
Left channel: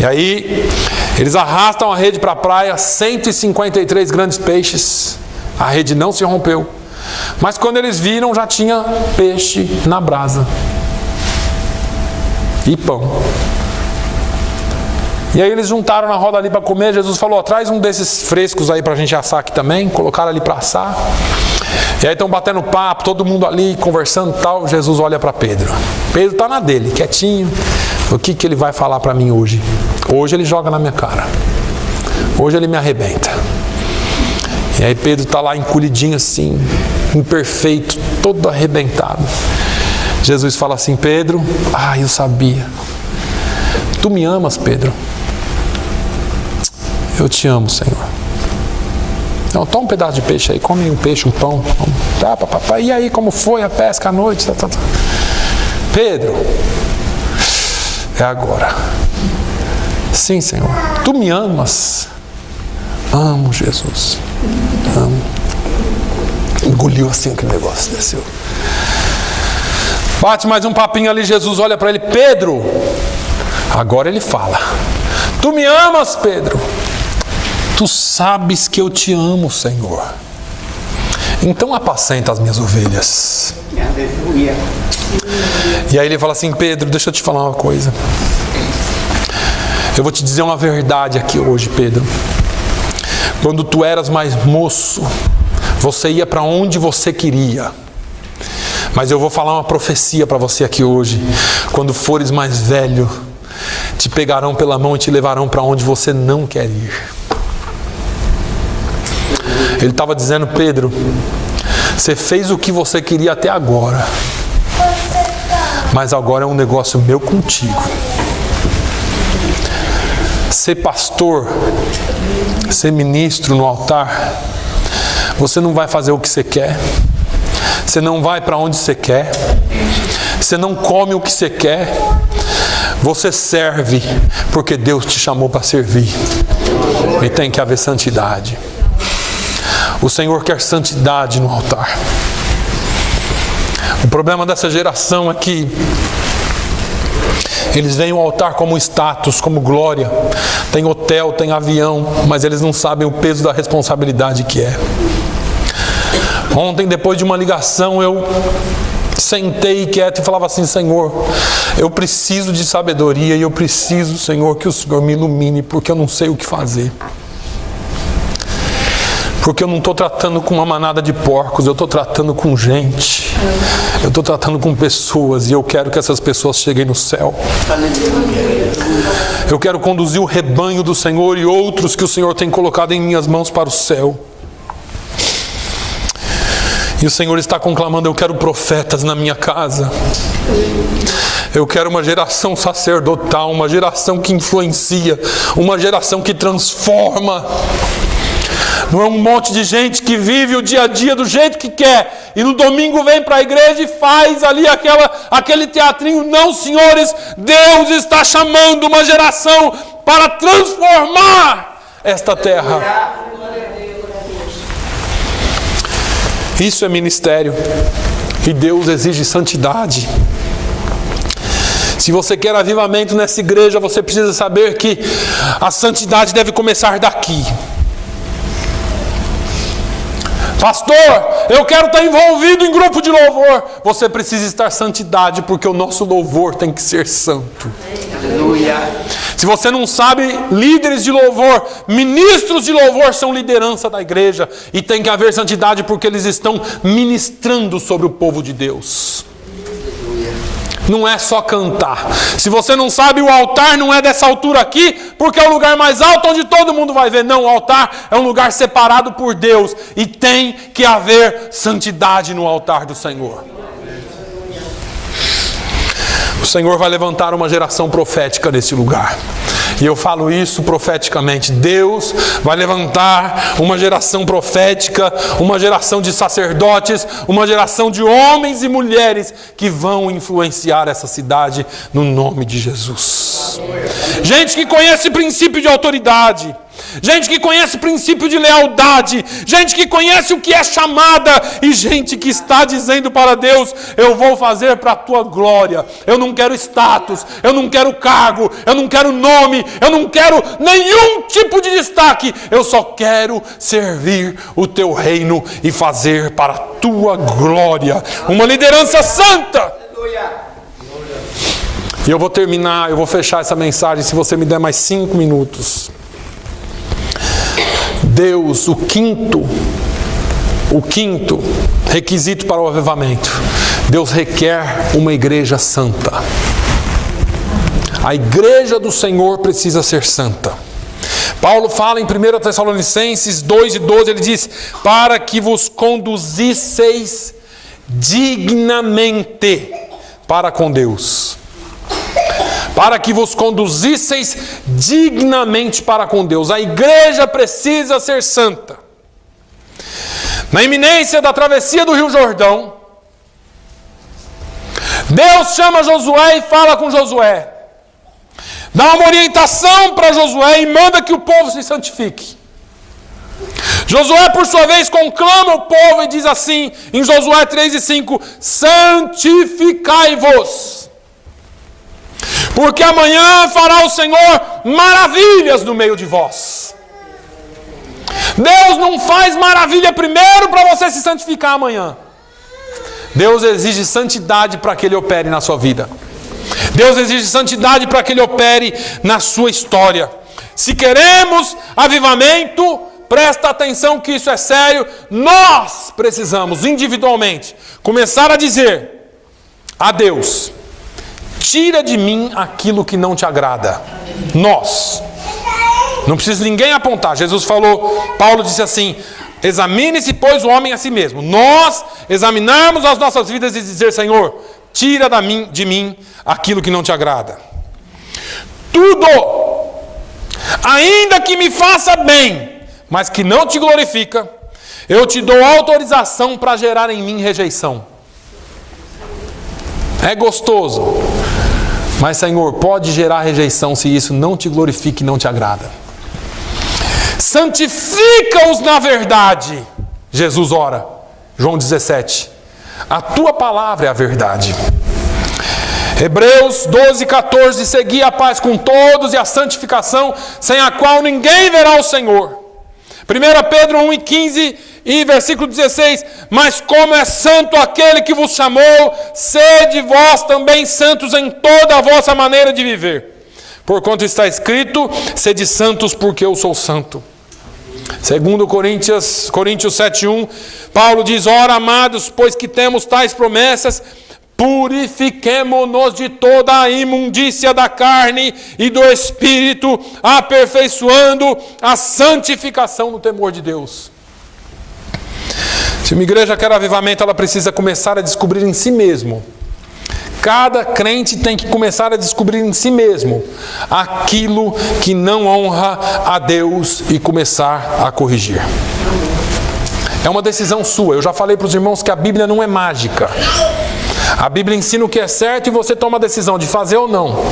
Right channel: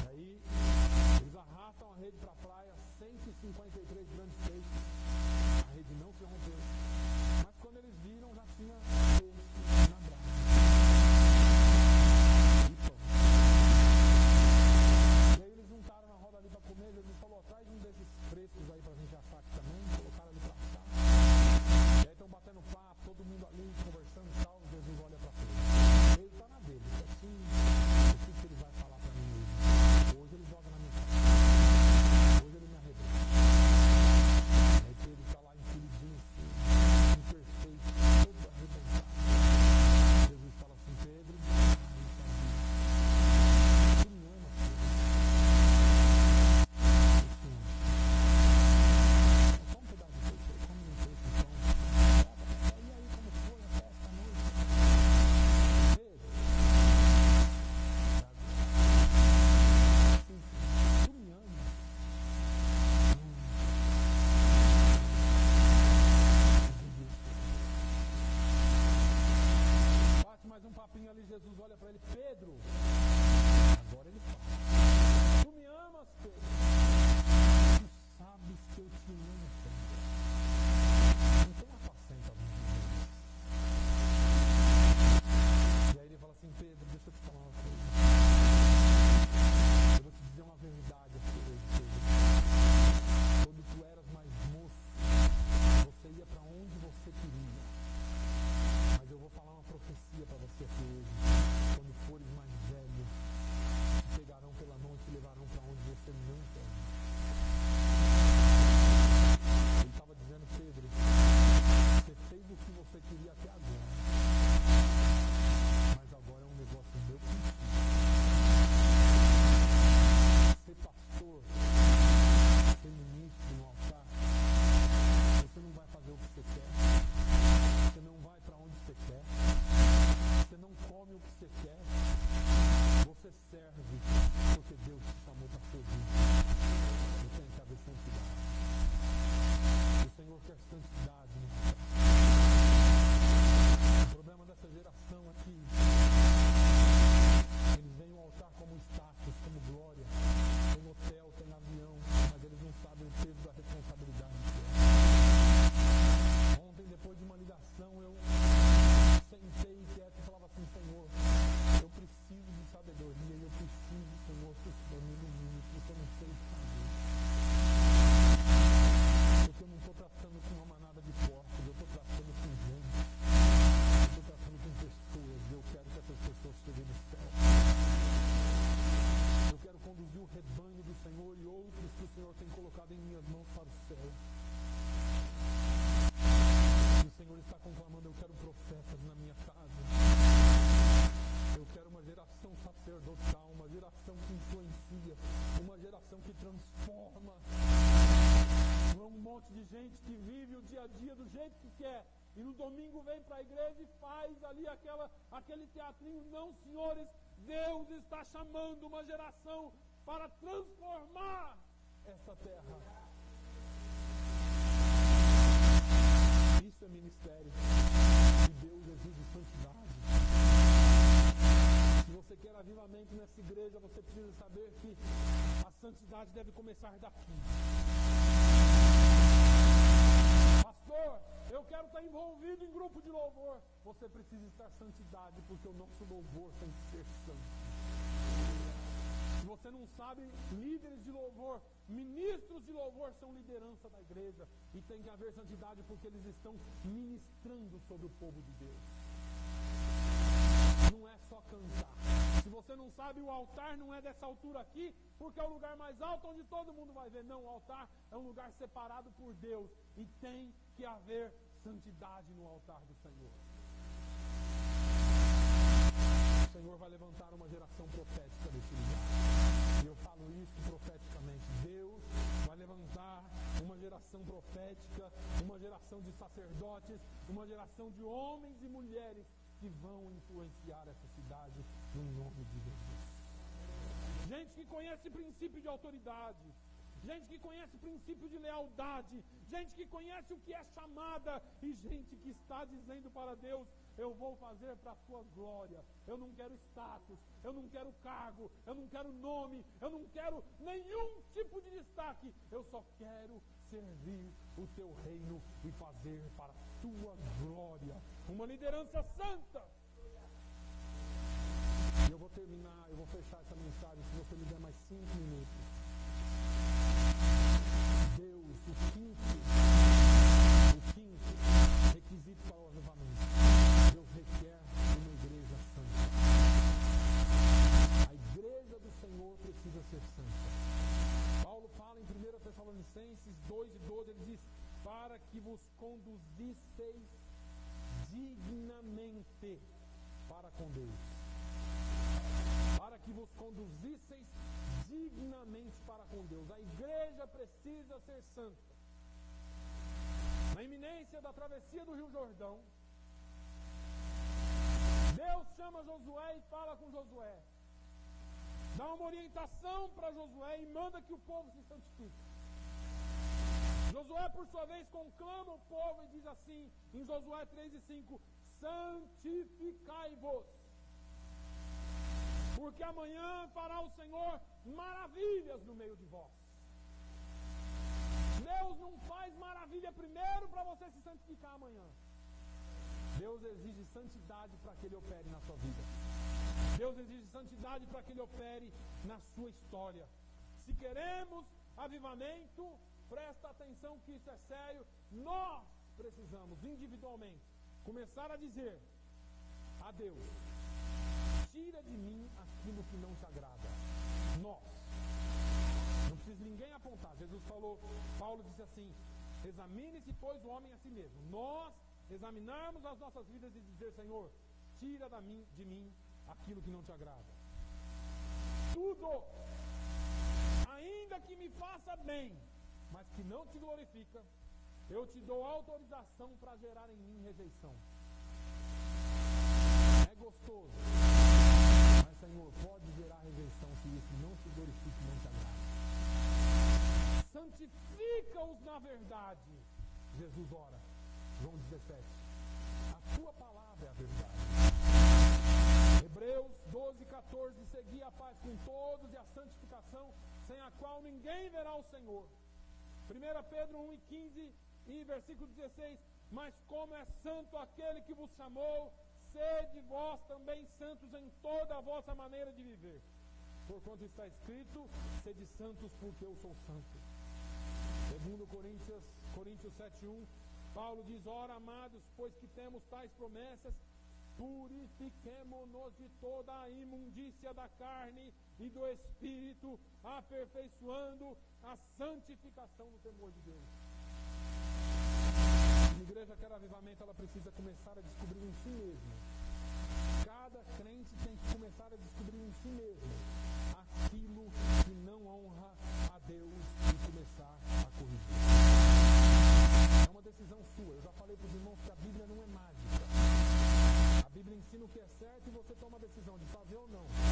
E aí eles arrastam a rede para a praia, 153 grandes peixes. A rede não se rompeu. Mas quando eles viram, já tinha peixe na brasa. E pão. E aí eles juntaram na roda ali para comer. Jesus falou: traz um desses frescos aí para a gente assar aqui também. Colocaram ali para assar. E aí estão batendo papo, todo mundo ali conversando e tal. Jesus olha para Pedro. Pedro está na dele, quietinho. O que ele vai falar para mim hoje? Hoje ele joga na minha cara. Hoje ele me arrebenta. E aí Pedro está lá encolhidinho assim, imperfeito, todo arrebentado. Jesus fala assim: Pedro, eu sabia. Tu me amas, Pedro? Eu te amo, Senhor. Então, toma um pedaço de peixe aí, come um peixe, um pão. E aí, como foi a pesca à noite? Pedro, é agora. Sim, Senhor. Tu me amas? Amo, Jesus. Amo. Engoliu assim aquele negócio, desceu. Bate mais um papinho ali, Jesus olha para ele: Pedro. Agora ele fala: tu me amas, Pedro? Tu sabes que eu te amo, Senhor. Então apacenta as minhas ovelhas. Aleluia. E aí ele fala assim: Pedro, deixa eu te falar uma coisa. Eu vou te dizer uma verdade aqui hoje, Pedro. Quando tu eras mais moço, você ia para onde você queria. Mas eu vou falar uma profecia para você aqui hoje. Quando fores mais velho, te pegarão pela mão e te levarão para onde você não quer ir. Ele estava dizendo: Pedro, você fez o que você queria até agora, mas agora é um negócio meu contigo. Ser pastor, ser ministro no altar, você não vai fazer o que você quer, você não vai para onde você quer, você não come o que você quer, você serve porque Deus te chamou para servir. E tem que haver santidade. O Senhor quer santidade no altar. O problema dessa geração é que eles veem o altar como status, como glória. Tem hotel, tem avião, mas eles não sabem o peso da responsabilidade que é. Ontem, depois de uma ligação, eu sentei quieto e falava assim: Senhor, eu preciso de sabedoria e eu preciso, Senhor, que o Senhor me ilumine, porque eu não sei o que fazer. Porque eu não estou tratando com uma manada de porcos, eu estou tratando com gente. Eu estou tratando com pessoas e eu quero que essas pessoas cheguem no céu. Eu quero conduzir o rebanho do Senhor e outros que o Senhor tem colocado em minhas mãos para o céu. E o Senhor está conclamando: eu quero profetas na minha casa. Eu quero uma geração sacerdotal, uma geração que influencia, uma geração que transforma. Não é um monte de gente que vive o dia a dia do jeito que quer e no domingo vem para a igreja e faz ali aquele teatrinho. Não, senhores, Deus está chamando uma geração para transformar esta terra. Isso é ministério e Deus exige santidade. Se você quer avivamento nessa igreja, você precisa saber que a santidade deve começar daqui. Pastor, eu quero estar envolvido em grupo de louvor. Você precisa estar santidade, porque o nosso louvor tem que ser santo. Aleluia. Se você não sabe, líderes de louvor, ministros de louvor são liderança da igreja. E tem que haver santidade porque eles estão ministrando sobre o povo de Deus. Não é só cantar. Se você não sabe, o altar não é dessa altura aqui, porque é o lugar mais alto onde todo mundo vai ver. Não, o altar é um lugar separado por Deus. E tem que haver santidade no altar do Senhor. O Senhor vai levantar uma geração profética nesse lugar. E eu falo isso profeticamente. Deus vai levantar uma geração profética, uma geração de sacerdotes, uma geração de homens e mulheres que vão influenciar essa cidade no nome de Jesus. Gente que conhece princípio de autoridade, gente que conhece princípio de lealdade, gente que conhece o que é chamada e gente que está dizendo para Deus: eu vou fazer para a tua glória. Eu não quero status, eu não quero cargo, eu não quero nome, eu não quero nenhum tipo de destaque. Eu só quero servir o teu reino e fazer para a tua glória. Uma liderança santa. E eu vou terminar, eu vou fechar essa mensagem se você me der mais 5 minutos. Deus, o quinto requisito para o avivamento. Deus requer uma igreja santa. A igreja do Senhor precisa ser santa. Paulo fala em 1 Tessalonicenses 2:12, ele diz: para que vos conduzisseis dignamente para com Deus. Para que vos conduzisseis dignamente para com Deus. A igreja precisa ser santa. Na iminência da travessia do Rio Jordão, Deus chama Josué e fala com Josué. Dá uma orientação para Josué e manda que o povo se santifique. Josué, por sua vez, conclama o povo e diz assim, em Josué 3:5: santificai-vos, porque amanhã fará o Senhor maravilhas no meio de vós. Deus não faz maravilha primeiro para você se santificar amanhã. Deus exige santidade para que Ele opere na sua vida. Deus exige santidade para que Ele opere na sua história. Se queremos avivamento, presta atenção que isso é sério. Nós precisamos individualmente começar a dizer a Deus: tira de mim aquilo que não te agrada. Nós. Não precisa ninguém apontar. Jesus falou, Paulo disse assim: examine-se, pois, o homem a si mesmo. Nós examinarmos as nossas vidas e dizer: Senhor, tira de mim aquilo que não te agrada. Tudo, ainda que me faça bem, mas que não te glorifica, eu te dou autorização para gerar em mim rejeição. É gostoso, mas, Senhor, pode gerar rejeição se isso não te glorifica e não te agrada. Santifica-os na verdade, Jesus ora, João 17. A tua palavra é a verdade. Hebreus 12, 14. Segui a paz com todos e a santificação, sem a qual ninguém verá o Senhor. 1 Pedro 1, 15 e versículo 16. Mas como é santo aquele que vos chamou, sede vós também santos em toda a vossa maneira de viver. Porquanto está escrito: sede santos, porque eu sou santo. 2 Coríntios 7, 1. Paulo diz: ora, amados, pois que temos tais promessas, purifiquemo-nos de toda a imundícia da carne e do espírito, aperfeiçoando a santificação no temor de Deus. Se uma igreja quer avivamento, ela precisa começar a descobrir em si mesmo. Cada crente tem que começar a descobrir em si mesmo aquilo que não honra a Deus e começar a corrigir. É uma decisão sua. Eu já falei para os irmãos que a Bíblia não é mágica. A Bíblia ensina o que é certo e você toma a decisão de fazer ou não.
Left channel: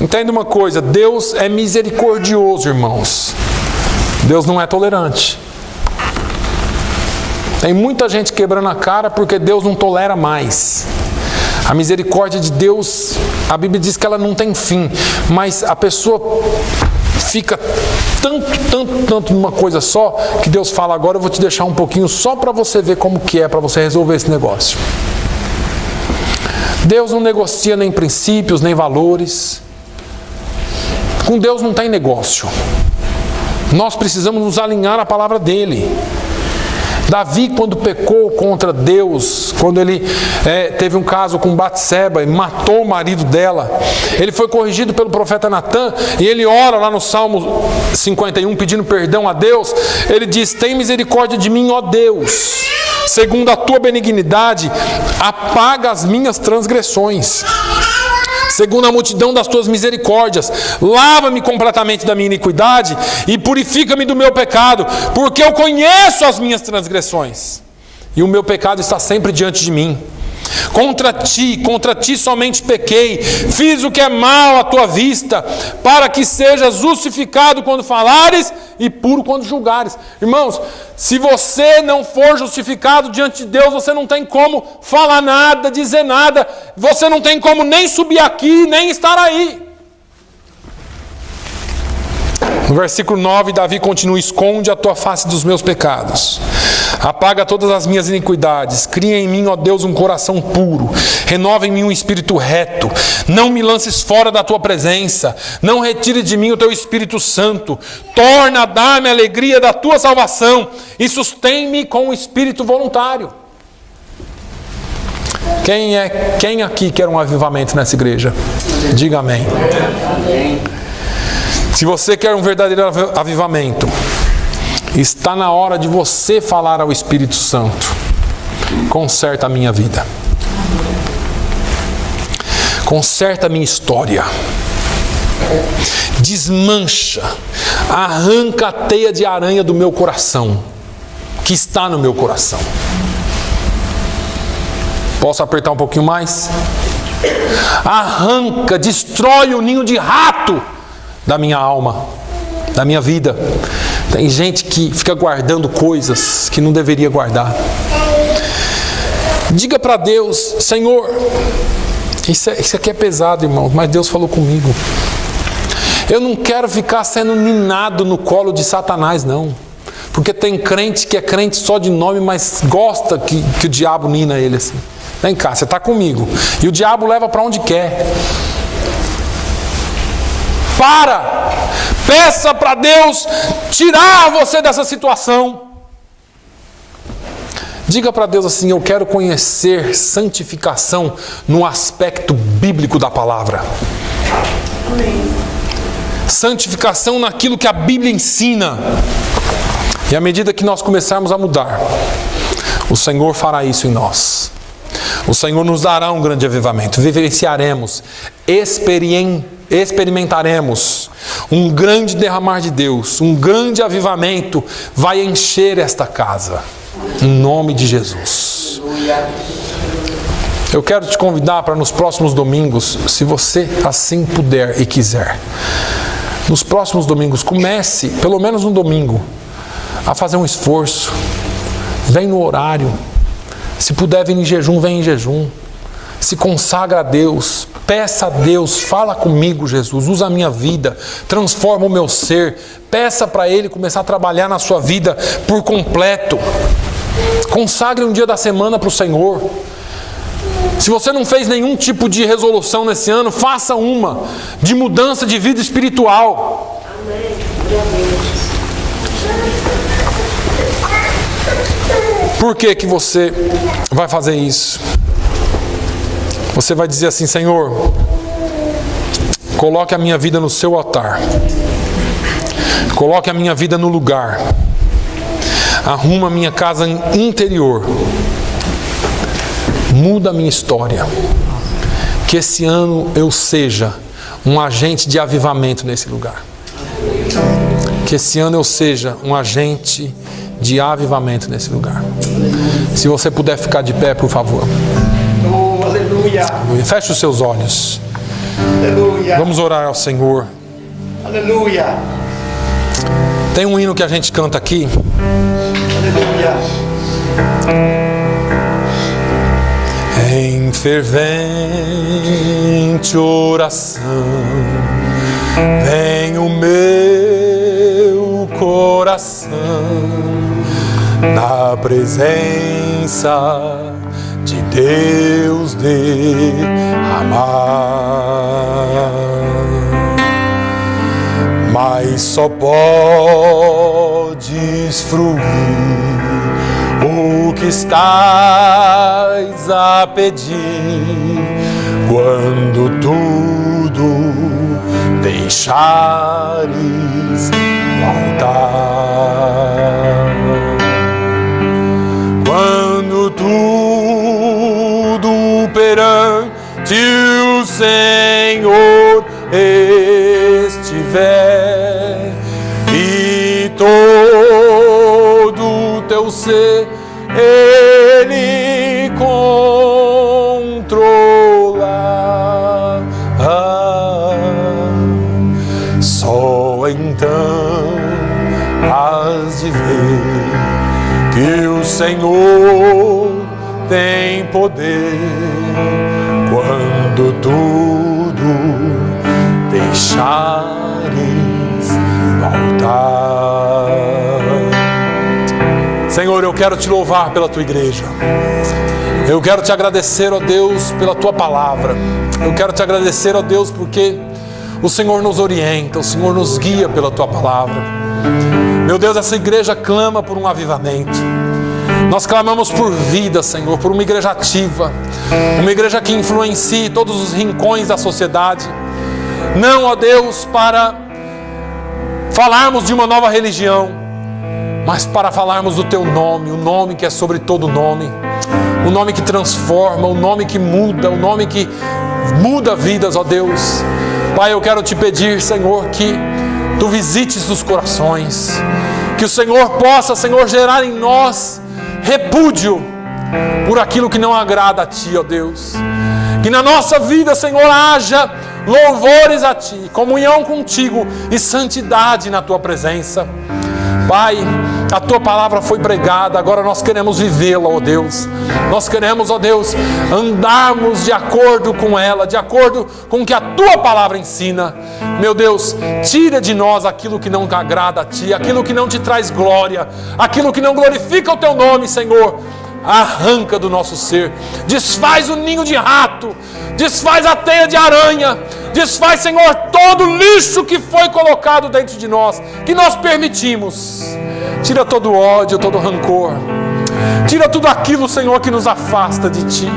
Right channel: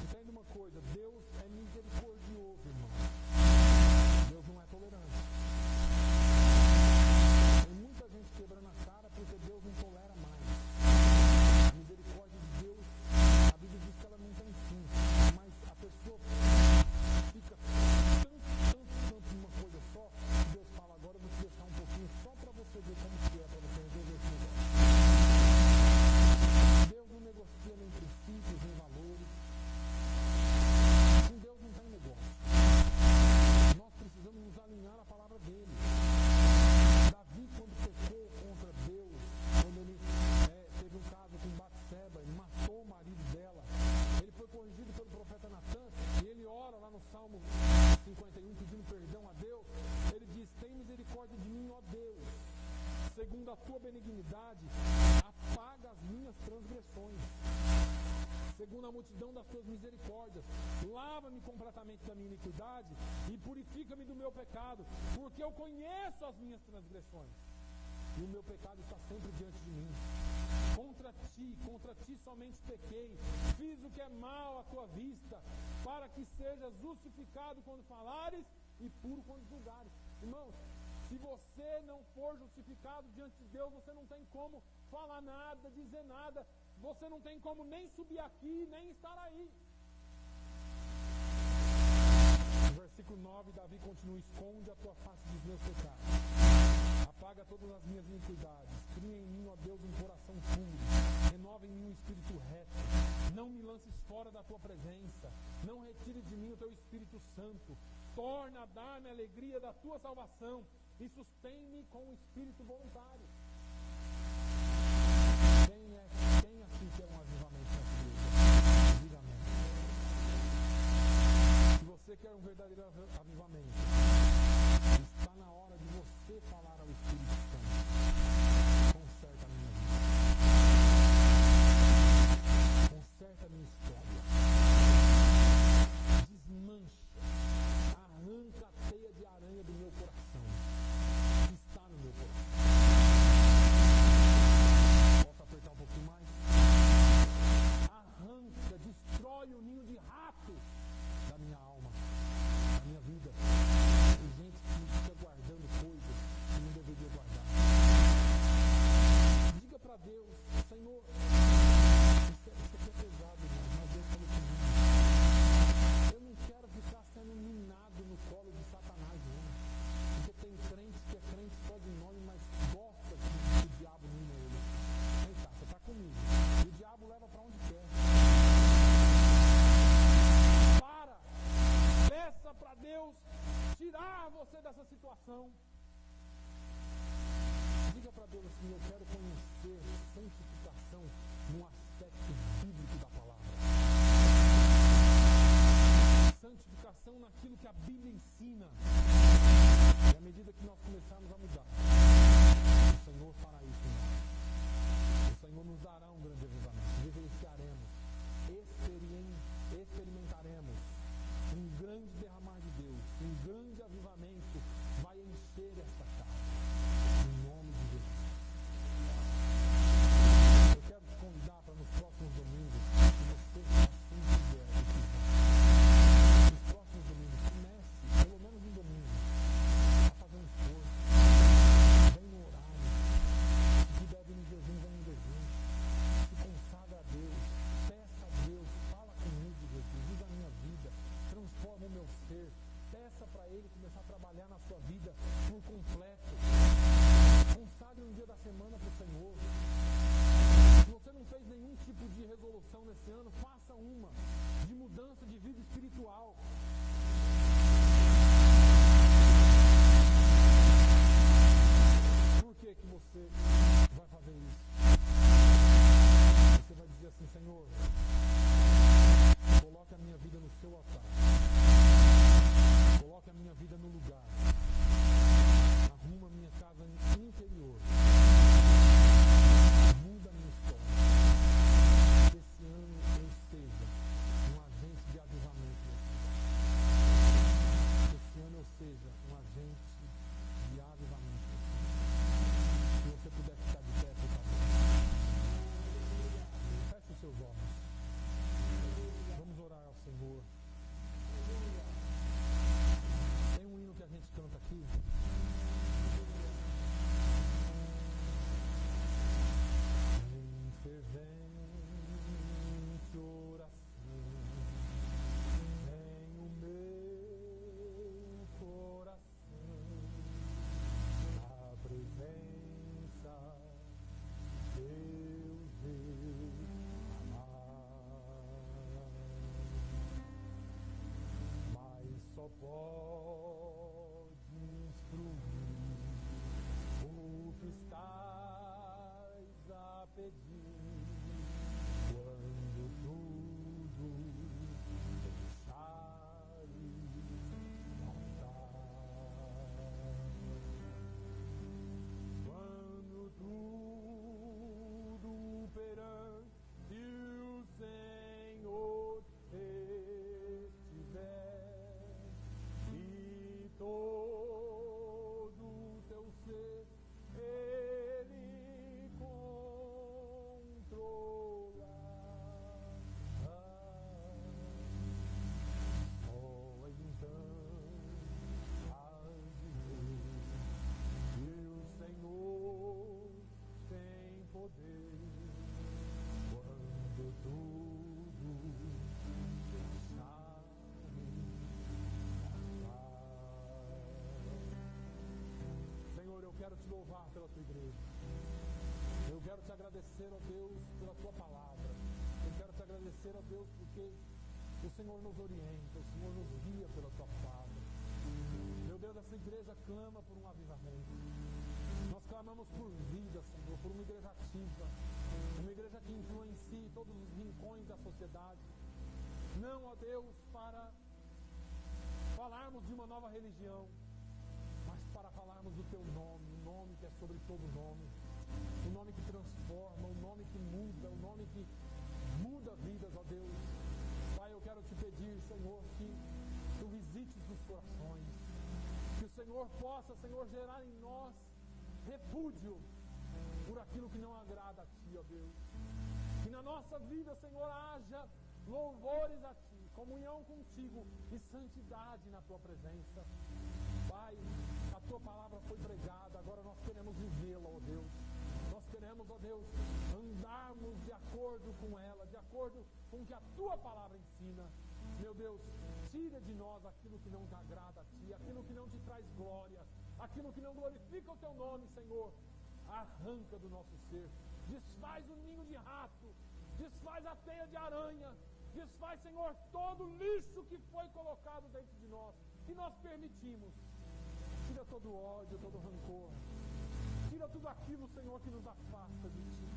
Entenda uma coisa: Deus é misericordioso, irmãos. Deus não é tolerante. Tem muita gente quebrando a cara porque Deus não tolera mais. A misericórdia de Deus, a Bíblia diz que ela não tem fim, mas a pessoa fica tanto numa coisa só, que Deus fala: agora eu vou te deixar um pouquinho só para você ver como que é, para você resolver esse negócio. Deus não negocia nem princípios, nem valores. Com Deus não tem negócio. Nós precisamos nos alinhar à palavra dele. Davi, quando pecou contra Deus, quando ele teve um caso com Batseba e matou o marido dela, ele foi corrigido pelo profeta Natã, e ele ora lá no Salmo 51 pedindo perdão a Deus. Ele diz: tem misericórdia de mim, ó Deus, segundo a tua benignidade, apaga as minhas transgressões. Segundo a multidão das tuas misericórdias, lava-me completamente da minha iniquidade e purifica-me do meu pecado, porque eu conheço as minhas transgressões e o meu pecado está sempre diante de mim. Contra ti somente pequei, fiz o que é mal à tua vista, para que sejas justificado quando falares e puro quando julgares. Irmãos, se você não for justificado diante de Deus, você não tem como falar nada, dizer nada, você não tem como nem subir aqui, nem estar aí. No versículo 9, Davi continua: esconde a tua face dos meus pecados, apaga todas as minhas iniquidades, cria em mim, ó Deus, um coração puro, renova em mim um espírito reto, não me lances fora da tua presença, não retire de mim o teu Espírito Santo, torna a dar-me a alegria da tua salvação e sustém-me com o espírito voluntário. Quem aqui quer um avivamento nessa igreja? Diga amém. Se você quer um verdadeiro avivamento, está na hora de você falar ao Espírito Santo: conserta a minha vida, conserta a minha história, desmancha, arranca a teia de aranha do meu coração, que está no meu coração. Posso apertar um pouquinho mais? Arranca, destrói o ninho de rato da minha alma, da minha vida. Tem gente que fica guardando coisas que não deveria guardar. Diga para Deus: Senhor, isso aqui é pesado, irmão, mas Deus falou comigo. Eu não quero ficar sendo ninado no colo de Satanás, não. Porque tem crente que é crente só de nome, mas gosta que o diabo nina ele assim. Vem cá, você está comigo. E o diabo leva para onde quer. Peça para Deus tirar você dessa situação. Diga para Deus assim: eu quero conhecer santificação no aspecto bíblico da palavra. Santificação naquilo que a Bíblia ensina. E à medida que nós começarmos a mudar, o Senhor fará isso em nós. O Senhor nos dará um grande avivamento. Vivenciaremos, experimentaremos um grande derramar de Deus, um grande avivamento vai encher esta casa. Em nome de Jesus. Eu quero te convidar para nos próximos domingos, se você assim puder e quiser, nos próximos domingos, comece, pelo menos um domingo, a fazer um esforço. Vem no horário. Se puder vir em jejum, vem em jejum. Se consagra a Deus. Peça a Deus, fala comigo, Jesus, usa a minha vida, transforma o meu ser. Peça para Ele começar a trabalhar na sua vida por completo. Consagre um dia da semana para o Senhor. Se você não fez nenhum tipo de resolução nesse ano, faça uma de mudança de vida espiritual. Por que que você vai fazer isso? Você vai dizer assim: Senhor, coloque a minha vida no seu altar. Coloque a minha vida no lugar. Arruma a minha casa interior. Muda a minha história. Que esse ano eu seja um agente de avivamento nesse lugar. Que esse ano eu seja um agente de avivamento nesse lugar. Se você puder ficar de pé, por favor. Oh, aleluia. Feche os seus olhos. Aleluia. Vamos orar ao Senhor. Aleluia. Tem um hino que a gente canta aqui. Aleluia. Em fervente oração vem o meu coração na presença de Deus derramar. Mas só podes fruir o que estás a pedir quando tudo deixares voltar. Quando tudo perante o Senhor estiver e todo teu ser Ele controla, só então has de ver que o Senhor tem poder quando tudo deixares voltar. Senhor, eu quero te louvar pela tua igreja. Eu quero te agradecer, ó Deus, pela tua palavra. Eu quero te agradecer, ó Deus, porque o Senhor nos orienta, o Senhor nos guia pela tua palavra. Meu Deus, essa igreja clama por um avivamento. Nós clamamos por vida, Senhor, por uma igreja ativa, uma igreja que influencie todos os rincões da sociedade. Não, ó Deus, para falarmos de uma nova religião, mas para falarmos do teu nome, o nome que é sobre todo nome, o nome que transforma, o nome que muda, o nome que muda vidas, ó Deus. Pai, eu quero te pedir, Senhor, que tu visites os corações, que o Senhor possa, Senhor, gerar em nós repúdio por aquilo que não agrada a ti, ó Deus. Que na nossa vida, Senhor, haja louvores a ti, comunhão contigo e santidade na tua presença. Pai, a tua palavra foi pregada, agora nós queremos vivê-la, ó Deus. Nós queremos, ó Deus, andarmos de acordo com ela, de acordo com o que a tua palavra ensina. Meu Deus, tira de nós aquilo que não agrada a ti, aquilo que não te traz glória, aquilo que não glorifica o teu nome, Senhor. Arranca do nosso ser, desfaz o ninho de rato, desfaz a teia de aranha, desfaz, Senhor, todo o lixo que foi colocado dentro de nós, que nós permitimos. Tira todo o ódio, todo o rancor, Tira tudo aquilo, Senhor, que nos afasta de Ti.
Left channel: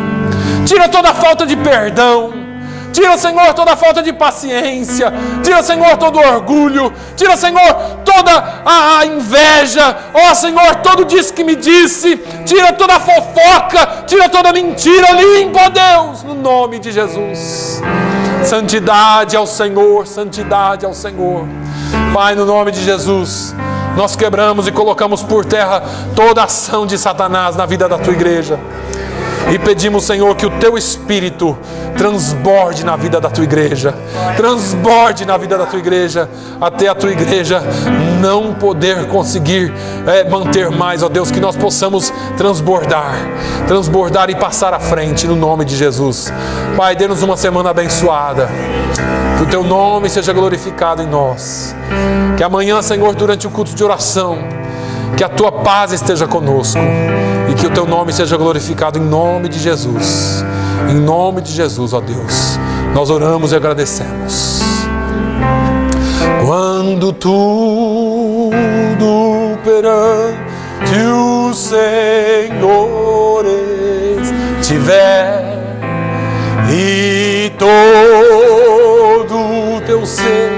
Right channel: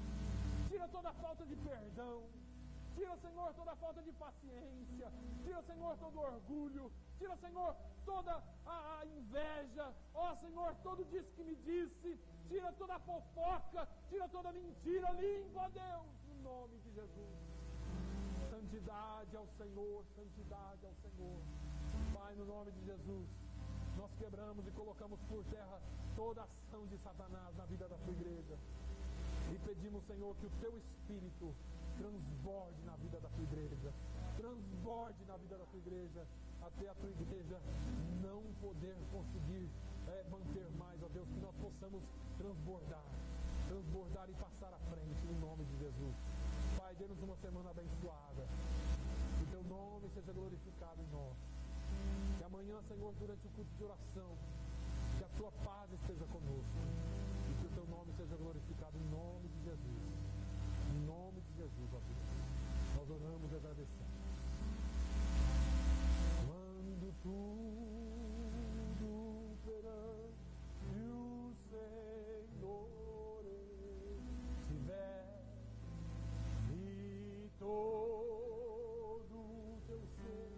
Tira toda a falta de perdão. Tira, Senhor, toda a falta de paciência. Tira, Senhor, todo o orgulho. Tira, Senhor, toda a inveja. Ó, Senhor, todo disse que me disse. Tira toda a fofoca. Tira toda a mentira. Limpa, ó Deus, no nome de Jesus. Santidade ao Senhor, santidade ao Senhor. Pai, no nome de Jesus, nós quebramos e colocamos por terra toda a ação de Satanás na vida da Tua igreja. E pedimos, Senhor, que o Teu Espírito transborde na vida da Tua igreja. Transborde na vida da Tua igreja, até a Tua igreja não poder conseguir manter mais, ó Deus, que nós possamos transbordar e passar à frente, no nome de Jesus. Pai, dê-nos uma semana abençoada. Que o Teu nome seja glorificado em nós. Que amanhã, Senhor, durante o culto de oração, que a Tua paz esteja conosco e que o Teu nome seja glorificado em nome de Jesus. Em nome de Jesus, ó Deus, nós oramos e agradecemos. Quando tudo perante o Senhor estiver e todo o teu ser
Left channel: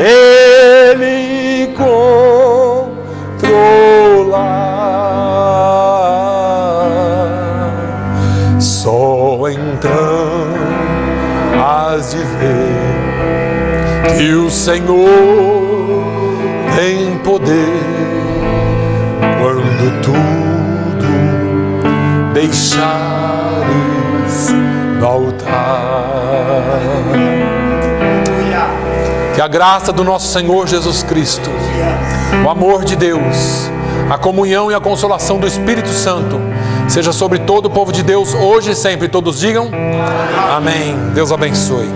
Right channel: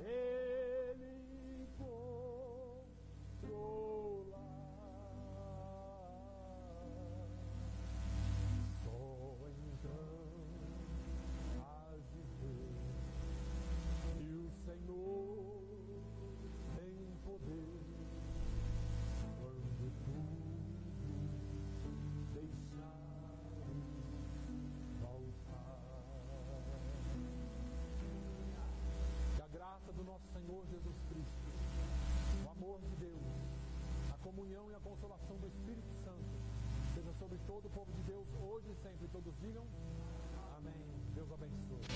Ele só então has de ver que o Senhor tem poder quando tudo deixares no altar. Que a graça do nosso Senhor Jesus Cristo, o amor de Deus, a comunhão e a consolação do Espírito Santo seja sobre todo o povo de Deus, hoje e sempre. Todos digam amém. Deus abençoe.